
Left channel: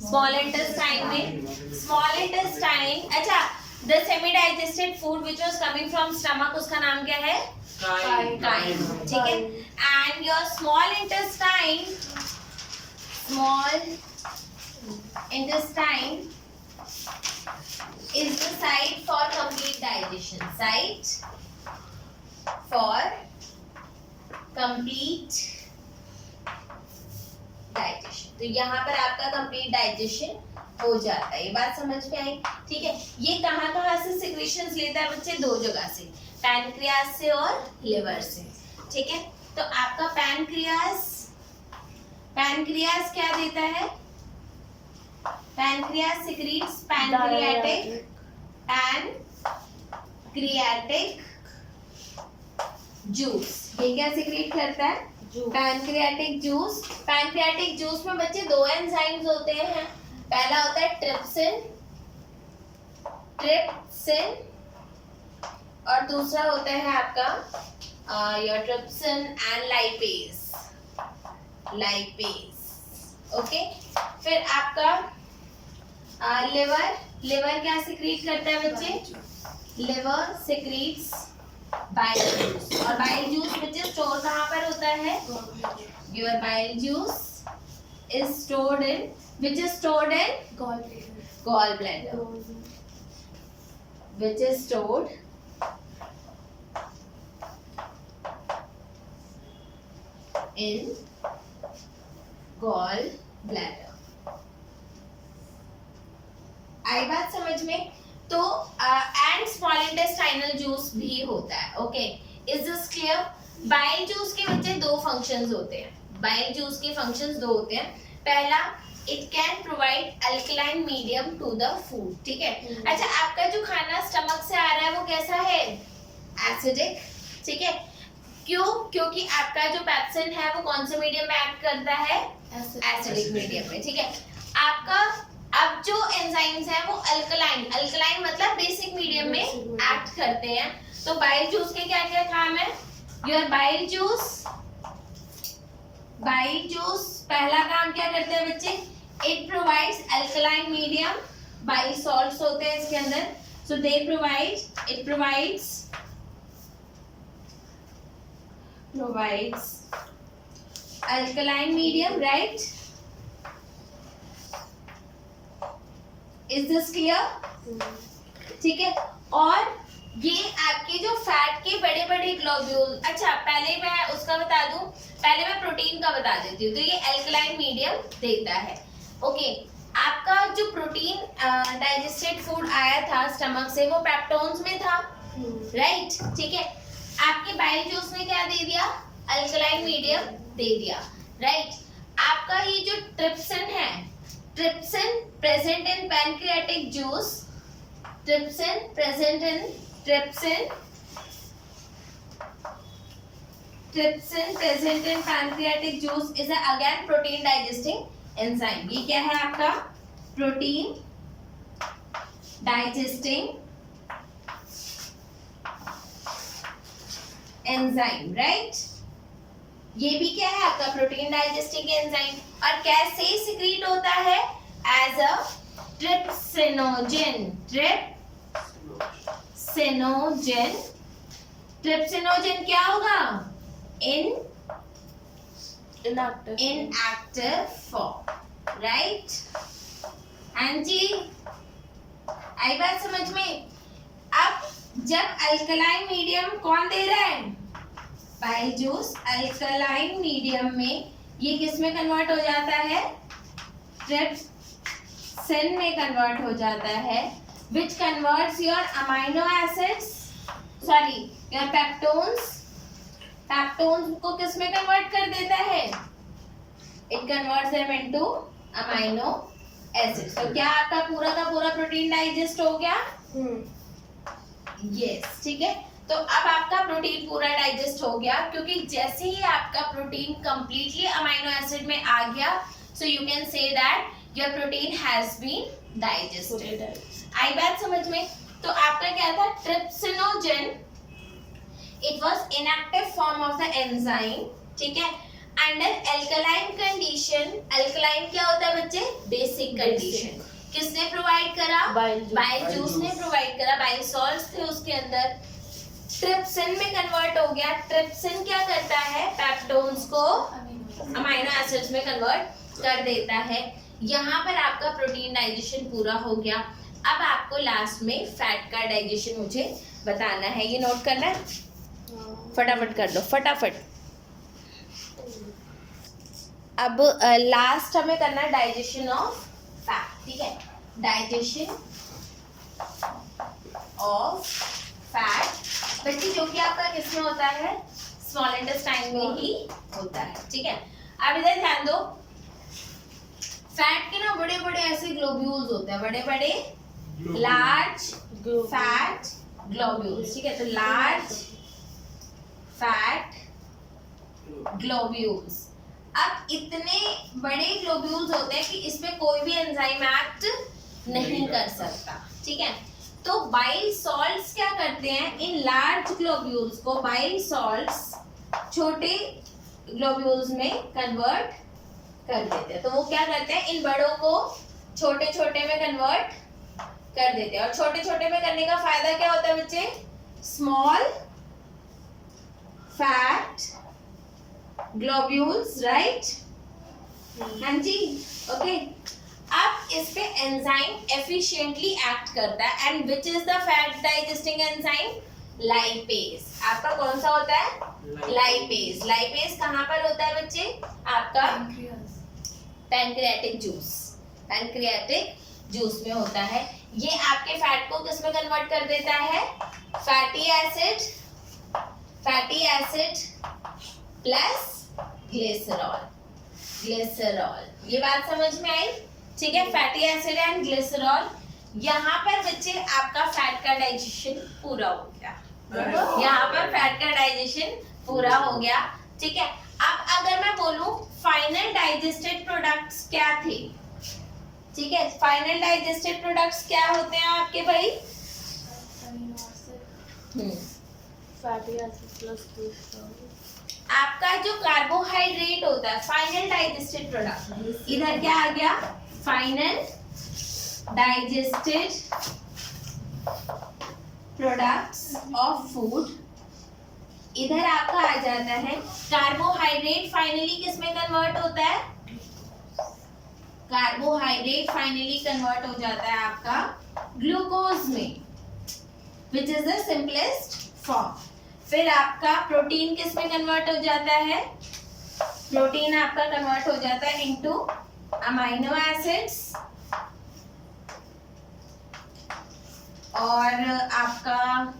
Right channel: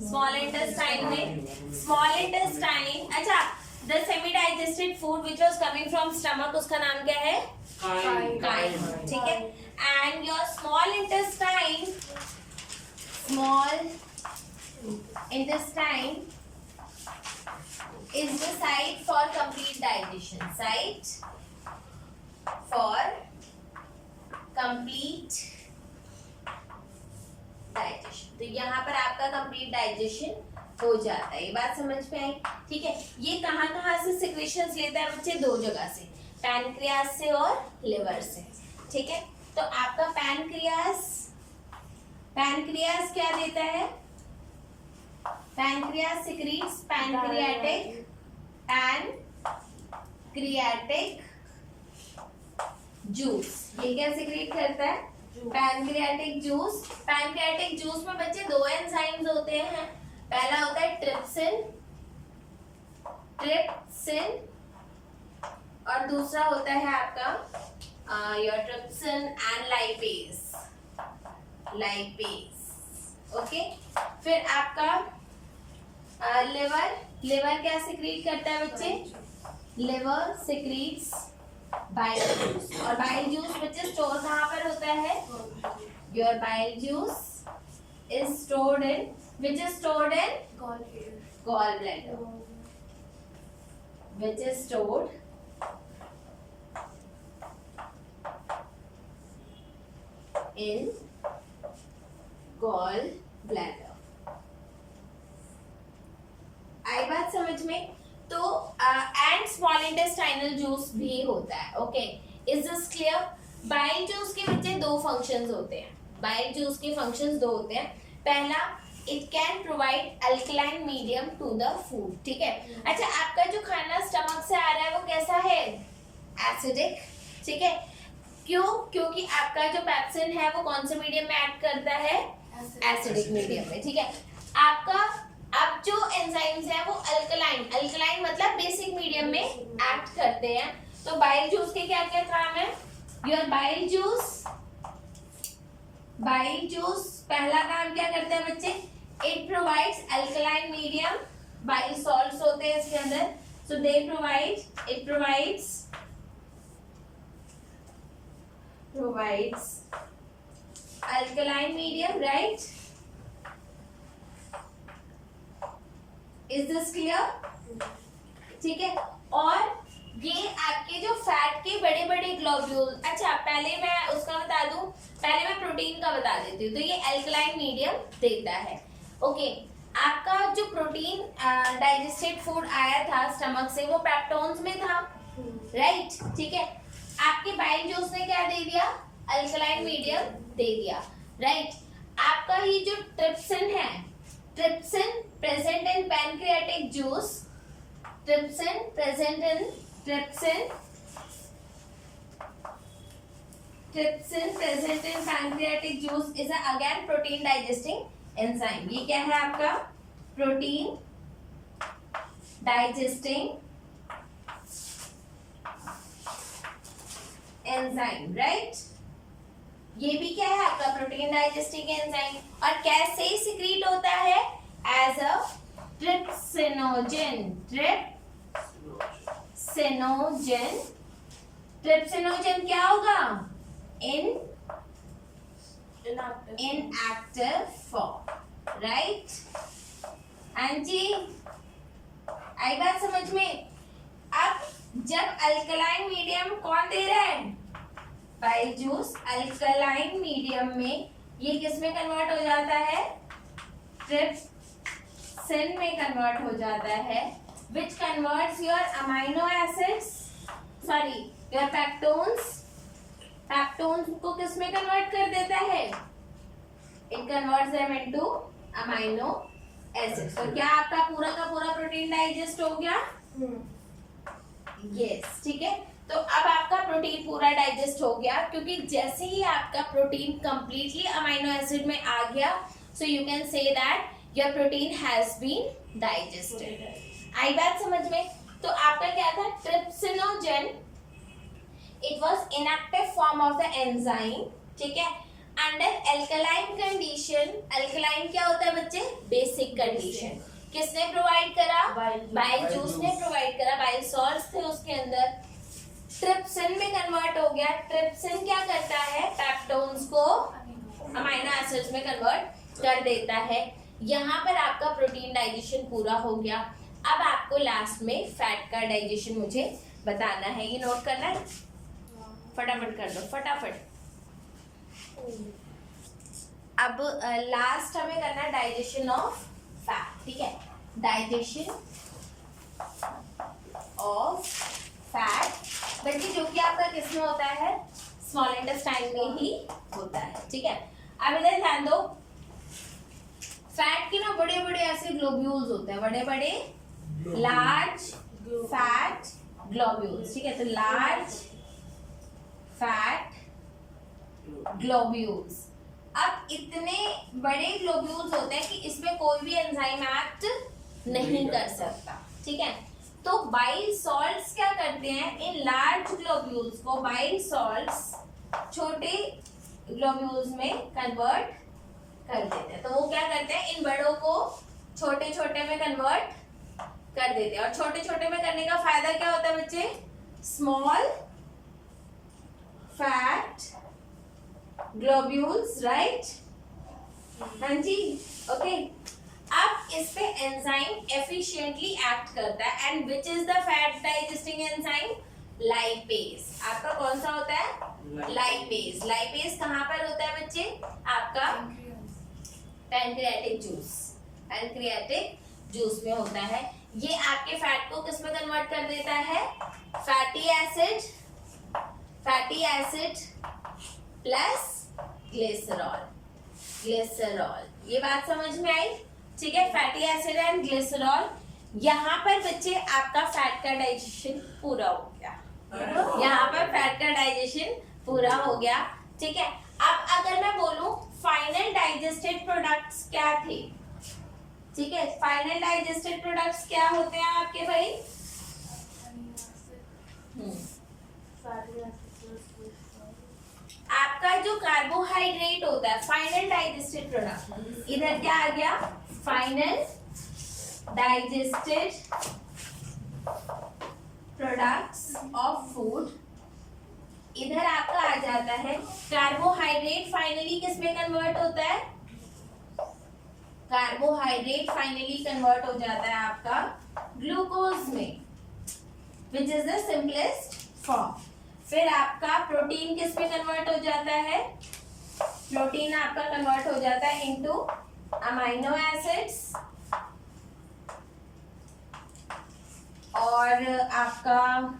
स्मॉल इंटेस्टाइन में। स्मॉल इंटेस्टाइन, अच्छा, the semi digested food which was coming from stomach, उसका नाम क्या है? काइम, ठीक है। And your small intestine is the site for complete digestion. Site for complete digestion. तो यहाँ पर आपका complete digestion हो जाता है। ये बात समझ में आई? ठीक है। ये कहाँ से सिक्रेशंस लेता है बच्चे? 2 जगह से, पैनक्रियास से और लिवर से, ठीक है। तो आपका पैनक्रियास क्या देता है? Pancreas secretes pancreatic juice. ये क्या सिक्रीट करता है? Pancreatic juice. पैनक्रियाटिक जूस में बच्चे 2 एंजाइम्स होते हैं। पहला होता है ट्रिप्सिन और दूसरा होता है आपका your trypsin and lipase. Okay. फिर आपका लिवर क्या सिक्रीट करता है बच्चे? Liver secretes bile juice. और बाइल जूस बच्चे स्टोर कहाँ पर होता है? Your bile juice is stored in gallbladder, which is stored in gallbladder। आई बात समझ में? तो एंड स्मॉल इंटेस्टाइनल जूस भी होता है। Okay, is this clear? Bile juice के बच्चे 2 फंक्शंस होते हैं। बाइल जूस के फंक्शंस 2 होते हैं। पहला, it can provide alkaline medium to the food, ठीक है। अच्छा, आपका जो खाना स्टमक से आ रहा है वो कैसा है? एसिडिक, ठीक है। क्यों? क्योंकि आपका जो पेप्सिन है वो कौन से मीडियम में एक्ट करता है? एसिडिक मीडियम में, ठीक है। आपका अब जो एंजाइम्स हैं वो अल्कलाइन मतलब बेसिक मीडियम में एक्ट करते हैं। तो बाइल जूस के क्या क्या काम है? योर बाइल जूस पहला काम क्या करते हैं बच्चे? It provides alkaline medium. Bile salts होते हैं इसके अंदर, so they provides alkaline medium, right? Is this clear? ठीक है। और ये आपके जो फैट के बड़े बड़े ग्लोब्यूल, अच्छा पहले मैं उसका बता दूं, पहले मैं प्रोटीन का बता देती हूँ। तो ये एल्कलाइन मीडियम देता है। ओके, आपका जो प्रोटीन डाइजेस्टेड फूड आया था स्टमक से वो पेप्टोन्स में था, राइट? ठीक है। आपके बाइल जूस ने क्या दे दिया? अल्कलाइन मीडियम दे दिया, राइट? आपका ये जो ट्रिप्सिन है, trypsin present in pancreatic juice, trypsin present in trypsin present in pancreatic juice is again protein digesting enzyme. ये क्या है आपका? Protein digesting enzyme, right? ये भी क्या है आपका? Protein digesting enzyme. और कैसे सिक्रीट होता है? As a trypsinogen. ट्रिप्सिनोजन क्या होगा? inactive form, right? हाँ जी, आई बात समझ में? अब जब अल्कलाइन मीडियम कौन दे रहा है? Bile juice. अल्कलाइन मीडियम में ये किस में कन्वर्ट हो जाता है? ट्रिप्सिन में कन्वर्ट हो जाता है, which converts your amino acids, sorry, your peptones को किस में कन्वर्ट कर देता है? It converts them into amino acids. तो क्या आपका पूरा का पूरा प्रोटीन डाइजेस्ट हो गया? यस, ठीक है। तो अब आपका प्रोटीन पूरा डाइजेस्ट हो गया, क्योंकि जैसे ही आपका प्रोटीन कंप्लीटली अमाइनो एसिड में आ गया, so you can say that your protein has been digested. आई बात समझ में? तो आपका क्या था? Trypsinogen, it was inactive form of the enzyme, ठीक है? Under alkaline condition, alkaline क्या होता है बच्चे? Basic condition। किसने प्रोवाइड करा? बाइल जूस ने प्रोवाइड करा, बाइल सॉल्ट्स थे उसके अंदर। ट्रिप्सिन में कन्वर्ट हो गया। ट्रिप्सिन क्या करता है? पेप्टोन्स को अमाइनो एसिड्स में कन्वर्ट कर देता है। यहाँ पर आपका प्रोटीन डाइजेशन पूरा हो गया। अब आपको लास्ट में फैट का डाइजेशन मुझे बताना है, ये नोट करना है? फटाफट कर दो, फटाफट। अब लास्ट हमें करना है डाइजेशन ऑफ फैट, ठीक है? डाइजेशन ऑफ फैट बच्चे, जो कि आपका किसमें होता है? स्मॉल इंटेस्टाइन में ही होता है, ठीक है? अब इधर ध्यान दो, फैट के ना बड़े बड़े ऐसे ग्लोब्यूल्स होते हैं, बड़े बड़े लार्ज फैट ग्लोब्यूल्स, ठीक है? तो लार्ज फैट ग्लोब्यूल्स। अब इतने बड़े ग्लोब्यूल्स होते हैं कि इसमें कोई भी एंजाइम एक्ट नहीं कर सकता, ठीक है? तो बाइल सॉल्ट्स क्या करते हैं? इन लार्ज ग्लोब्यूल्स को बाइल सॉल्ट्स छोटे ग्लोब्यूल्स में कन्वर्ट कर देते हैं। तो वो क्या करते हैं? इन बड़ों को छोटे छोटे में कन्वर्ट कर देते हैं। और छोटे छोटे में करने का फायदा क्या होता है बच्चे? Small fat globules, right? हाँ जी, ओके। अब इस पे एंजाइम एफिशिएंटली एक्ट करता है। And which is the fat digesting enzyme? Lipase. आपका कौन सा होता है? लाइपेज। लाइपेज कहाँ पर होता है बच्चे? आपका पैनक्रियाटिक जूस, पैनक्रियाटिक जूस में होता है। ये आपके फैट को किस में कन्वर्ट कर देता है? Fatty acid plus glycerol. ये बात समझ में आई? ठीक है, फैटी एसिड एंड ग्लिसरॉल। यहाँ पर बच्चे आपका फैट का डाइजेशन पूरा हो गया। यहाँ पर फैट का डाइजेशन पूरा हो गया, ठीक है? अब अगर मैं बोलूं फाइनल डाइजेस्टेड प्रोडक्ट्स क्या थे, ठीक है? फाइनल डाइजेस्टेड प्रोडक्ट्स क्या होते हैं आपके भाई? Fatty acid plus cholesterol. आपका जो कार्बोहाइड्रेट होता है फाइनल डाइजेस्टेड प्रोडक्ट, इधर क्या आ गया? Final digested products of food. इधर आपका आ जाता है कार्बोहाइड्रेट। फाइनली किस में कन्वर्ट होता है? कार्बोहाइड्रेट फाइनली कन्वर्ट हो जाता है आपका ग्लूकोज में, which is the simplest form. फिर आपका प्रोटीन किस में कन्वर्ट हो जाता है? प्रोटीन आपका कन्वर्ट हो जाता है इनटू अमाइनो एसिड्स, और आपका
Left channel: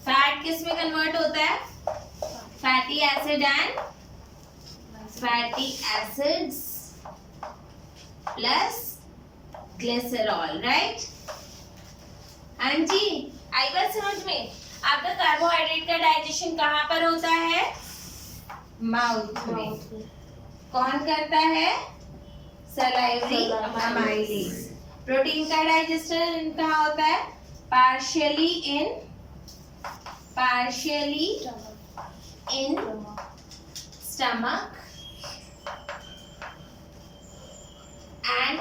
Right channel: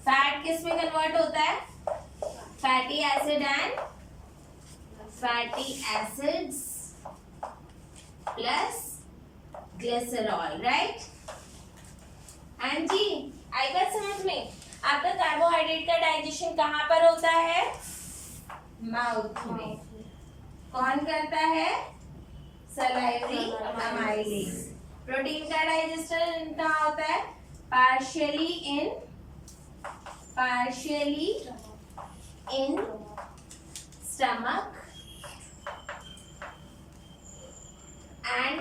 फैट किस में कन्वर्ट होता है? Fatty acid and fatty acids plus glycerol, right? हाँ जी, आई बात समझ में? आपका कार्बोहाइड्रेट का डाइजेशन कहाँ पर होता है? माउथ में। कौन करता है? Salivary amylase. प्रोटीन का डाइजेशन कहाँ होता है? Partially in stomach and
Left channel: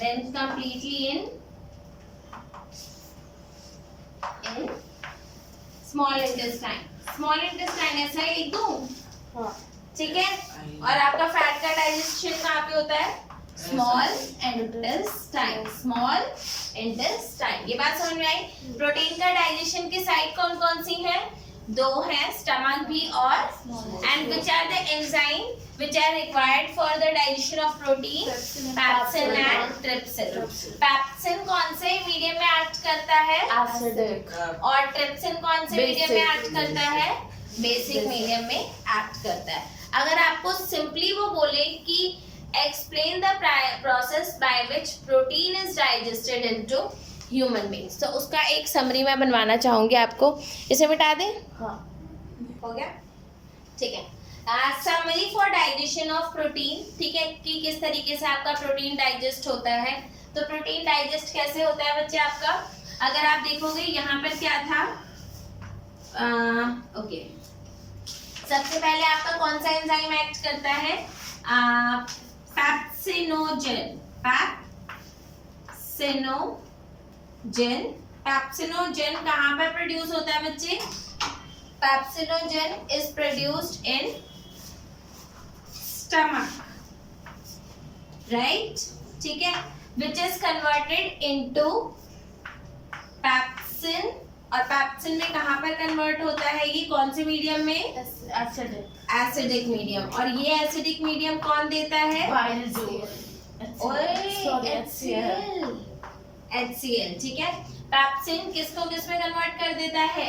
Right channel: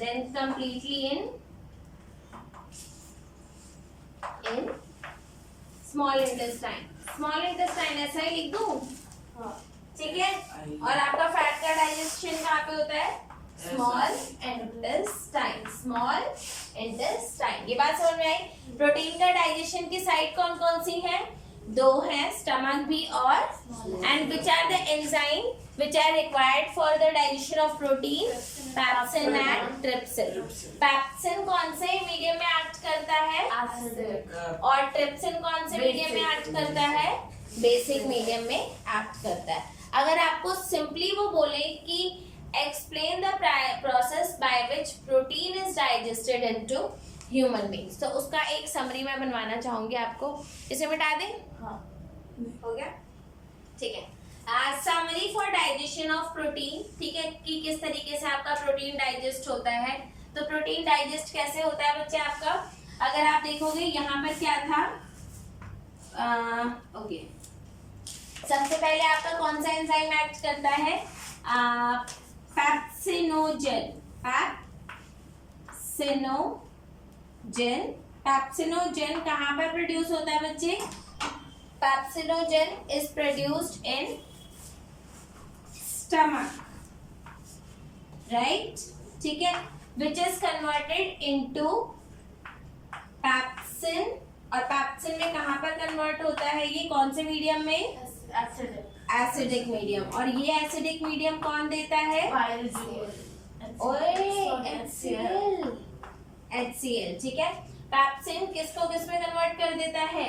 then completely in small intestine। small intestine ऐसा ही लिख दूं, ठीक है? और आपका फैट का डाइजेशन कहाँ पे होता है? Small intestine. ये बात समझ में आई? प्रोटीन का डाइजेशन की साइड कौन कौन सी है? दो हैं, स्टमक भी और, and which are the enzyme which are required for the digestion of protein? Pepsin and trypsin. Pepsin कौन से मीडियम में एक्ट करता है? एसिडिक। और ट्रिप्सिन कौन से मीडियम में एक्ट करता है? बेसिक मीडियम में एक्ट करता है। अगर आपको सिंपली वो बोले कि explain the process by which protein is digested into human beings, तो उसका एक समरी मैं बनवाना चाहूंगी आपको। इसे मिटा दें? हाँ। हो गया, ठीक है। Summary for digestion of protein, ठीक है, कि किस तरीके से आपका प्रोटीन डाइजेस्ट होता है। तो प्रोटीन डाइजेस्ट कैसे होता है बच्चे आपका? अगर आप देखोगे यहाँ पर क्या था, ओके, सबसे पहले आपका कौन सा एंजाइम एक्ट करता है? पैप्सिनोजेन कहाँ पर प्रोड्यूस होता है बच्चे? Pepsinogen is produced in stomach, right? ठीक है, which is converted into pepsin, और पैप्सिन में कहाँ पर कन्वर्ट होता है? ये कौन से मीडियम में? Acidic medium. और ये एसिडिक मीडियम कौन देता है? HCl, ठीक है। पैप्सिन किसको किस में कन्वर्ट कर देता है?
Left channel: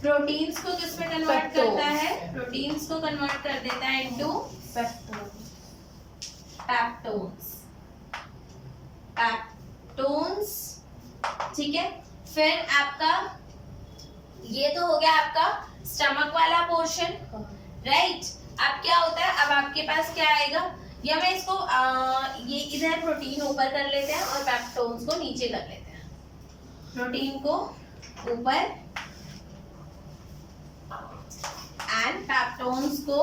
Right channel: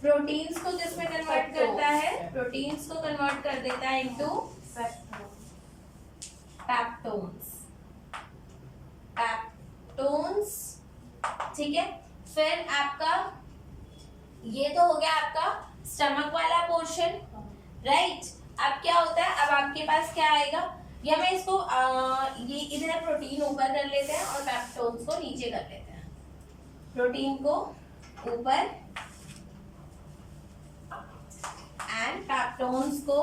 प्रोटीन्स को किस में कन्वर्ट करता है? प्रोटीन्स को कन्वर्ट कर देता है इनटू पेप्टोन्स, ठीक है। फिर आपका ये तो हो गया आपका स्टमक वाला पोर्शन, राइट? अब क्या होता है? अब आपके पास क्या आएगा? या मैं इसको ये इधर प्रोटीन ऊपर कर लेते हैं और पेप्टोन्स को नीचे कर लेते हैं। प्रोटीन को ऊपर एंड पेप्टोन्स को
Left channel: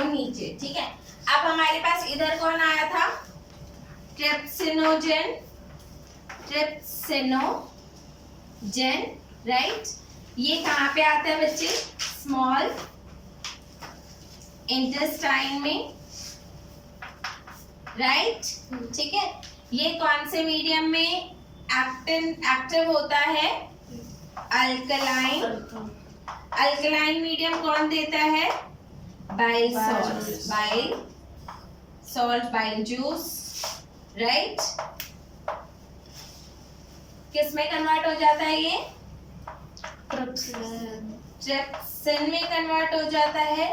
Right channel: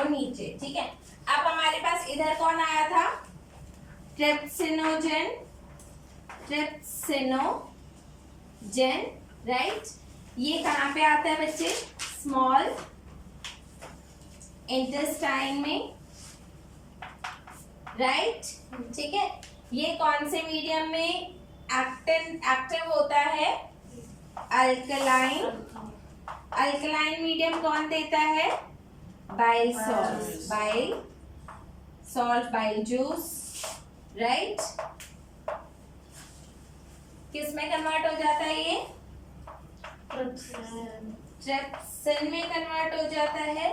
नीचे, ठीक है। अब हमारे पास इधर कौन आया था? Trypsinogen, right? ये कहाँ पे आता है बच्चे? स्मॉल इंटेस्टाइन में, राइट? ठीक है। ये कौन से मीडियम में एक्टिव होता है? अल्कलाइन मीडियम कौन देता है? Bile salt, bile juice, right? किस में कन्वर्ट हो जाता है ये? ट्रिप्सिन में कन्वर्ट हो जाता है।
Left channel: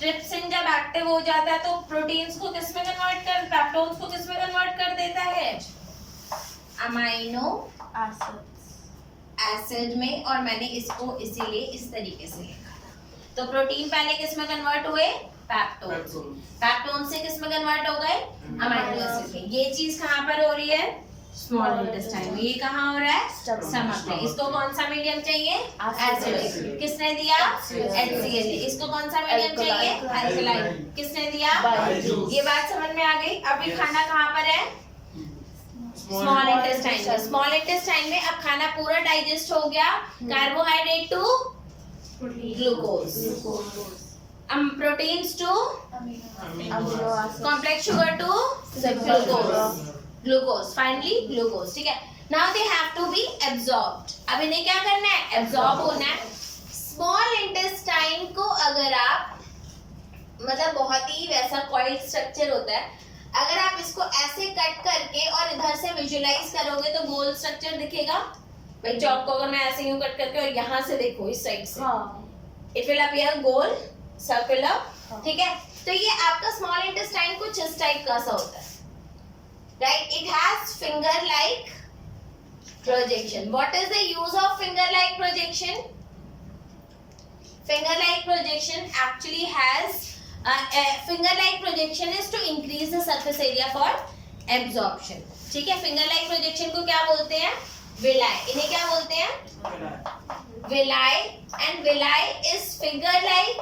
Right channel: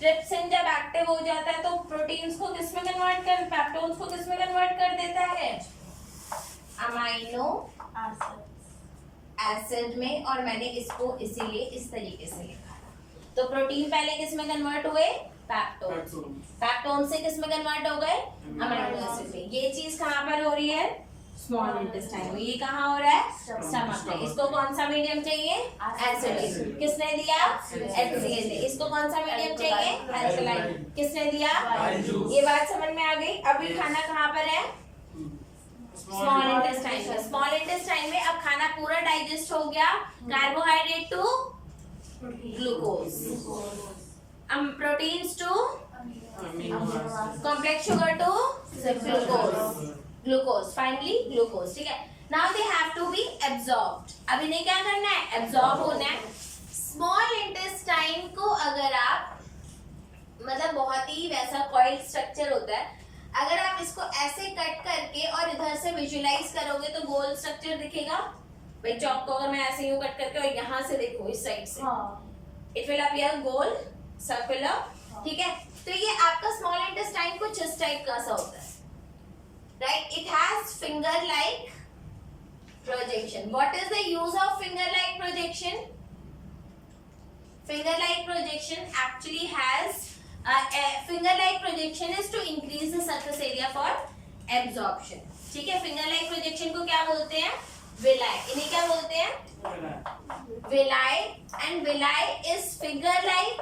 ट्रिप्सिन जब एक्टिव हो जाता है तो प्रोटीन्स को किस में कन्वर्ट कर, पेप्टोन्स को किस में कन्वर्ट कर देता है? अमाइनो एसिड में। और मैंने इसको इसीलिए इस तरीके से लिखा था। तो प्रोटीन पहले किस में कन्वर्ट हुए? पेप्टोन से किस में कन्वर्ट हो गए? अमाइनो एसिड में। ये चीज कहाँ पर हो रही है? स्मॉल इंटेस्टाइन में। ये कहाँ हो रहा है? स्टमक में। इसको कौन सा मीडियम चाहिए? एसिडिक। किसने दिया? HCl। इसको कौन सा मीडियम चाहिए? अल्कलाइन। किसने दिया? ये बात समझ में आ गई? अभी खाना कहाँ पर है? स्मॉल इंटेस्टाइन में। स्मॉल इंटेस्टाइन में अब खाना पूरा डाइजेस्ट हो गया। Carbohydrate to glucose, proteins to complex sugar to glucose, finally glucose, ठीक है. Now they have to be absorbed. अब इन्हें क्या करना है? Absorb होना है. Small intestine को अगर आप मतलब बहुत ही वैसा coiled structure होता है, अगर आप इसको ऐसे कट करके और इधर से विजुलाइज करोगे तो गोल स्ट्रक्चर दिखेगा. भाई चौक को अगर मैं ऐसे यूं कट करके और यहाँ से देखो इस साइड से, it will appear goal circular, ठीक है. तो ये आपका स्मॉल इंटेस्टाइन कुछ इस टाइप का सा होता है, right. It has finger like projection. What is the use of finger like projection? Finger like projection actually has finger like projection is to increase the surface area for absorption, ठीक है. finger like projection को क्या बोलते हैं? villi. इन्हें क्या बोलते हैं? villi. and villi is finger like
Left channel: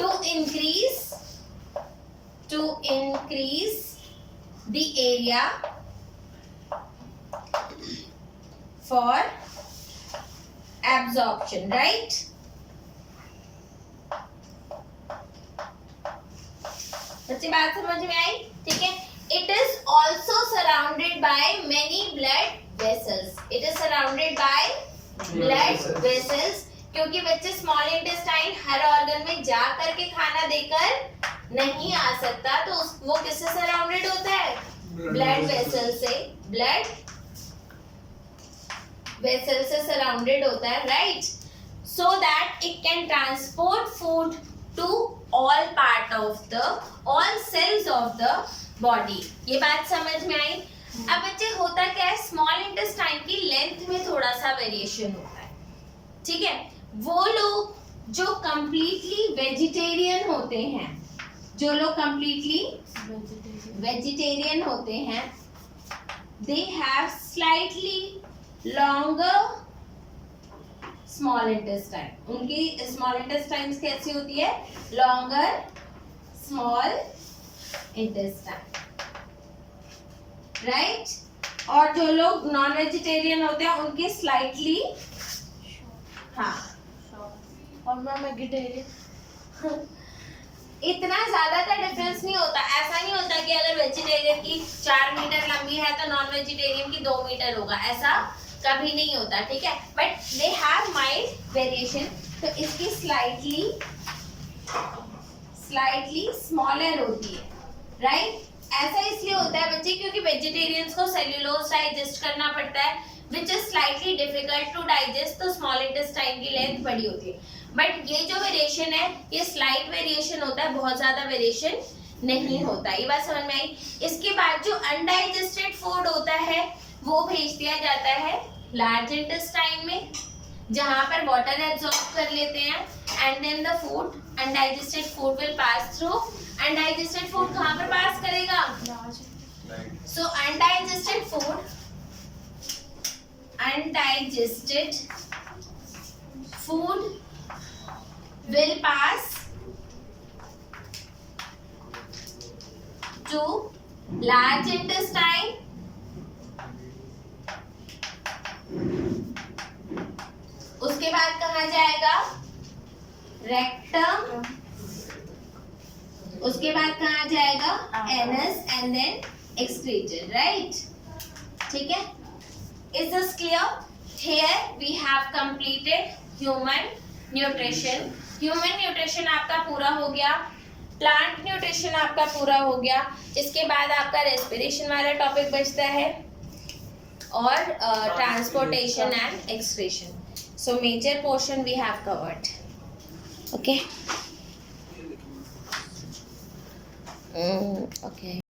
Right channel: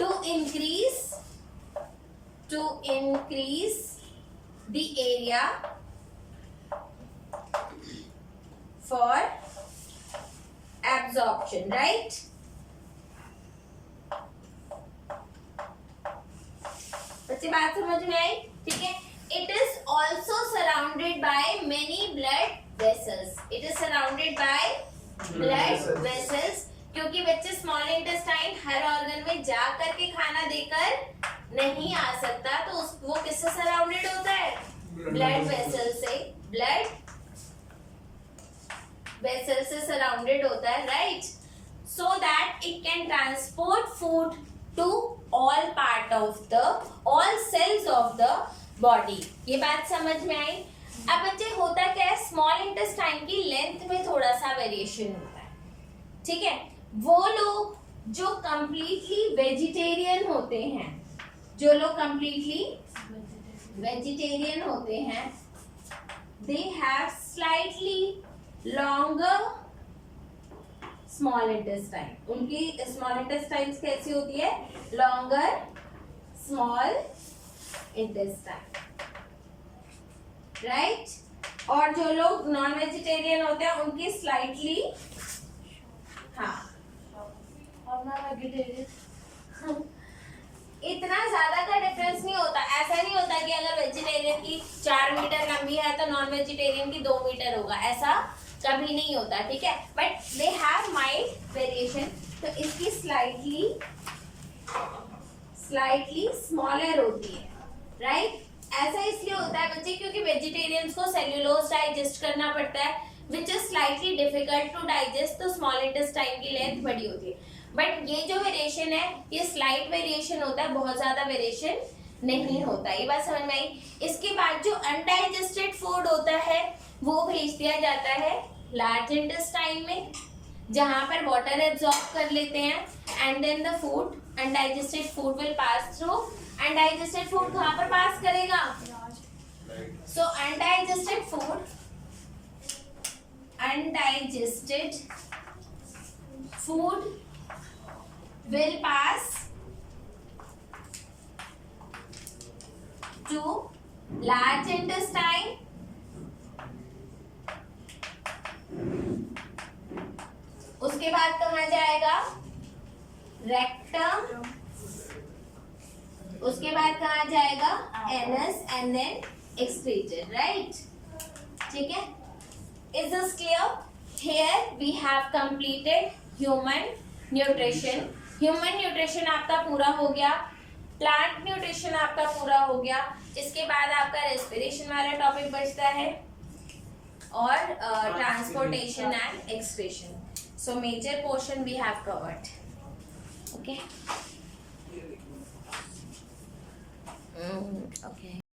to increase the area for absorption, right. बच्चे बात समझ में आई? ठीक है. It is also surrounded by many blood vessels. It is surrounded by blood vessels. क्योंकि बच्चे स्मॉल इंटेस्टाइन हर ऑर्गन में जा करके खाना देकर नहीं आ सकता, तो वो किससे सराउंडेड होता है? ब्लड वेसल से. ब्लड वेसल से सराउंडेड होता है, right. So that it can transport food to all cells of the body. ये बात समझ में आई? अब बच्चे होता क्या है, स्मॉल इंटेस्टाइन की लेंथ में थोड़ा सा वेरिएशन होता है, ठीक है. वो लोग जो कंप्लीटली वेजिटेरियन होते हैं, they have slightly longer small intestine. उनकी स्मॉल इंटेस्टाइन कैसी होती है? Longer small intestine, right. और जो लोग नॉन वेजिटेरियन होते हैं उनकी स्लाइटली, हाँ, और मैं वेजिटेरियन. इतना ज्यादा का डिफरेंस नहीं होता. ऐसा नहीं होता कि अगर वेजिटेरियन की 4 मीटर लंबी है तो नॉन वेजिटेरियन की 2 मीटर होगा, ऐसा कभी नहीं होता, ठीक है. But they have mild variation. तो इसकी स्लाइटली स्मॉलर होती है, राइट. ऐसा इसलिए होता है बच्चे क्योंकि वेजिटेरियंस को सेल्यूलोज डाइजेस्ट करना पड़ता है, which is slightly difficult to digest. तो स्मॉल इंटेस्टाइन की लेंथ बड़ी होती है. बट ये जो वेरिएशन है ये स्लाइट वेरिएशन होता है, बहुत ज्यादा वेरिएशन नहीं होता. ये बात समझ में आई? इसके बाद जो अनडाइजेस्टेड फूड होता है वो भेज दिया जाता है लार्ज इंटेस्टाइन में, जहां पर वाटर एब्जॉर्ब कर लेते हैं, and then the food, undigested food will pass through. Undigested food कहां पर पास करेगा? So undigested food will pass to large intestine, उसके बाद कहाँ जाएगा? रेक्टम. उसके बाद कहाँ जाएगा? Anus, and then excreted, right. ठीक है. Is this clear? Here we have completed human nutrition. Human nutrition आपका पूरा हो गया, प्लांट न्यूट्रिशन आपका पूरा हो गया. इसके बाद आपका रेस्पिरेशन वाला टॉपिक बचता है और transportation and excretion. So major portion we have covered. Okay.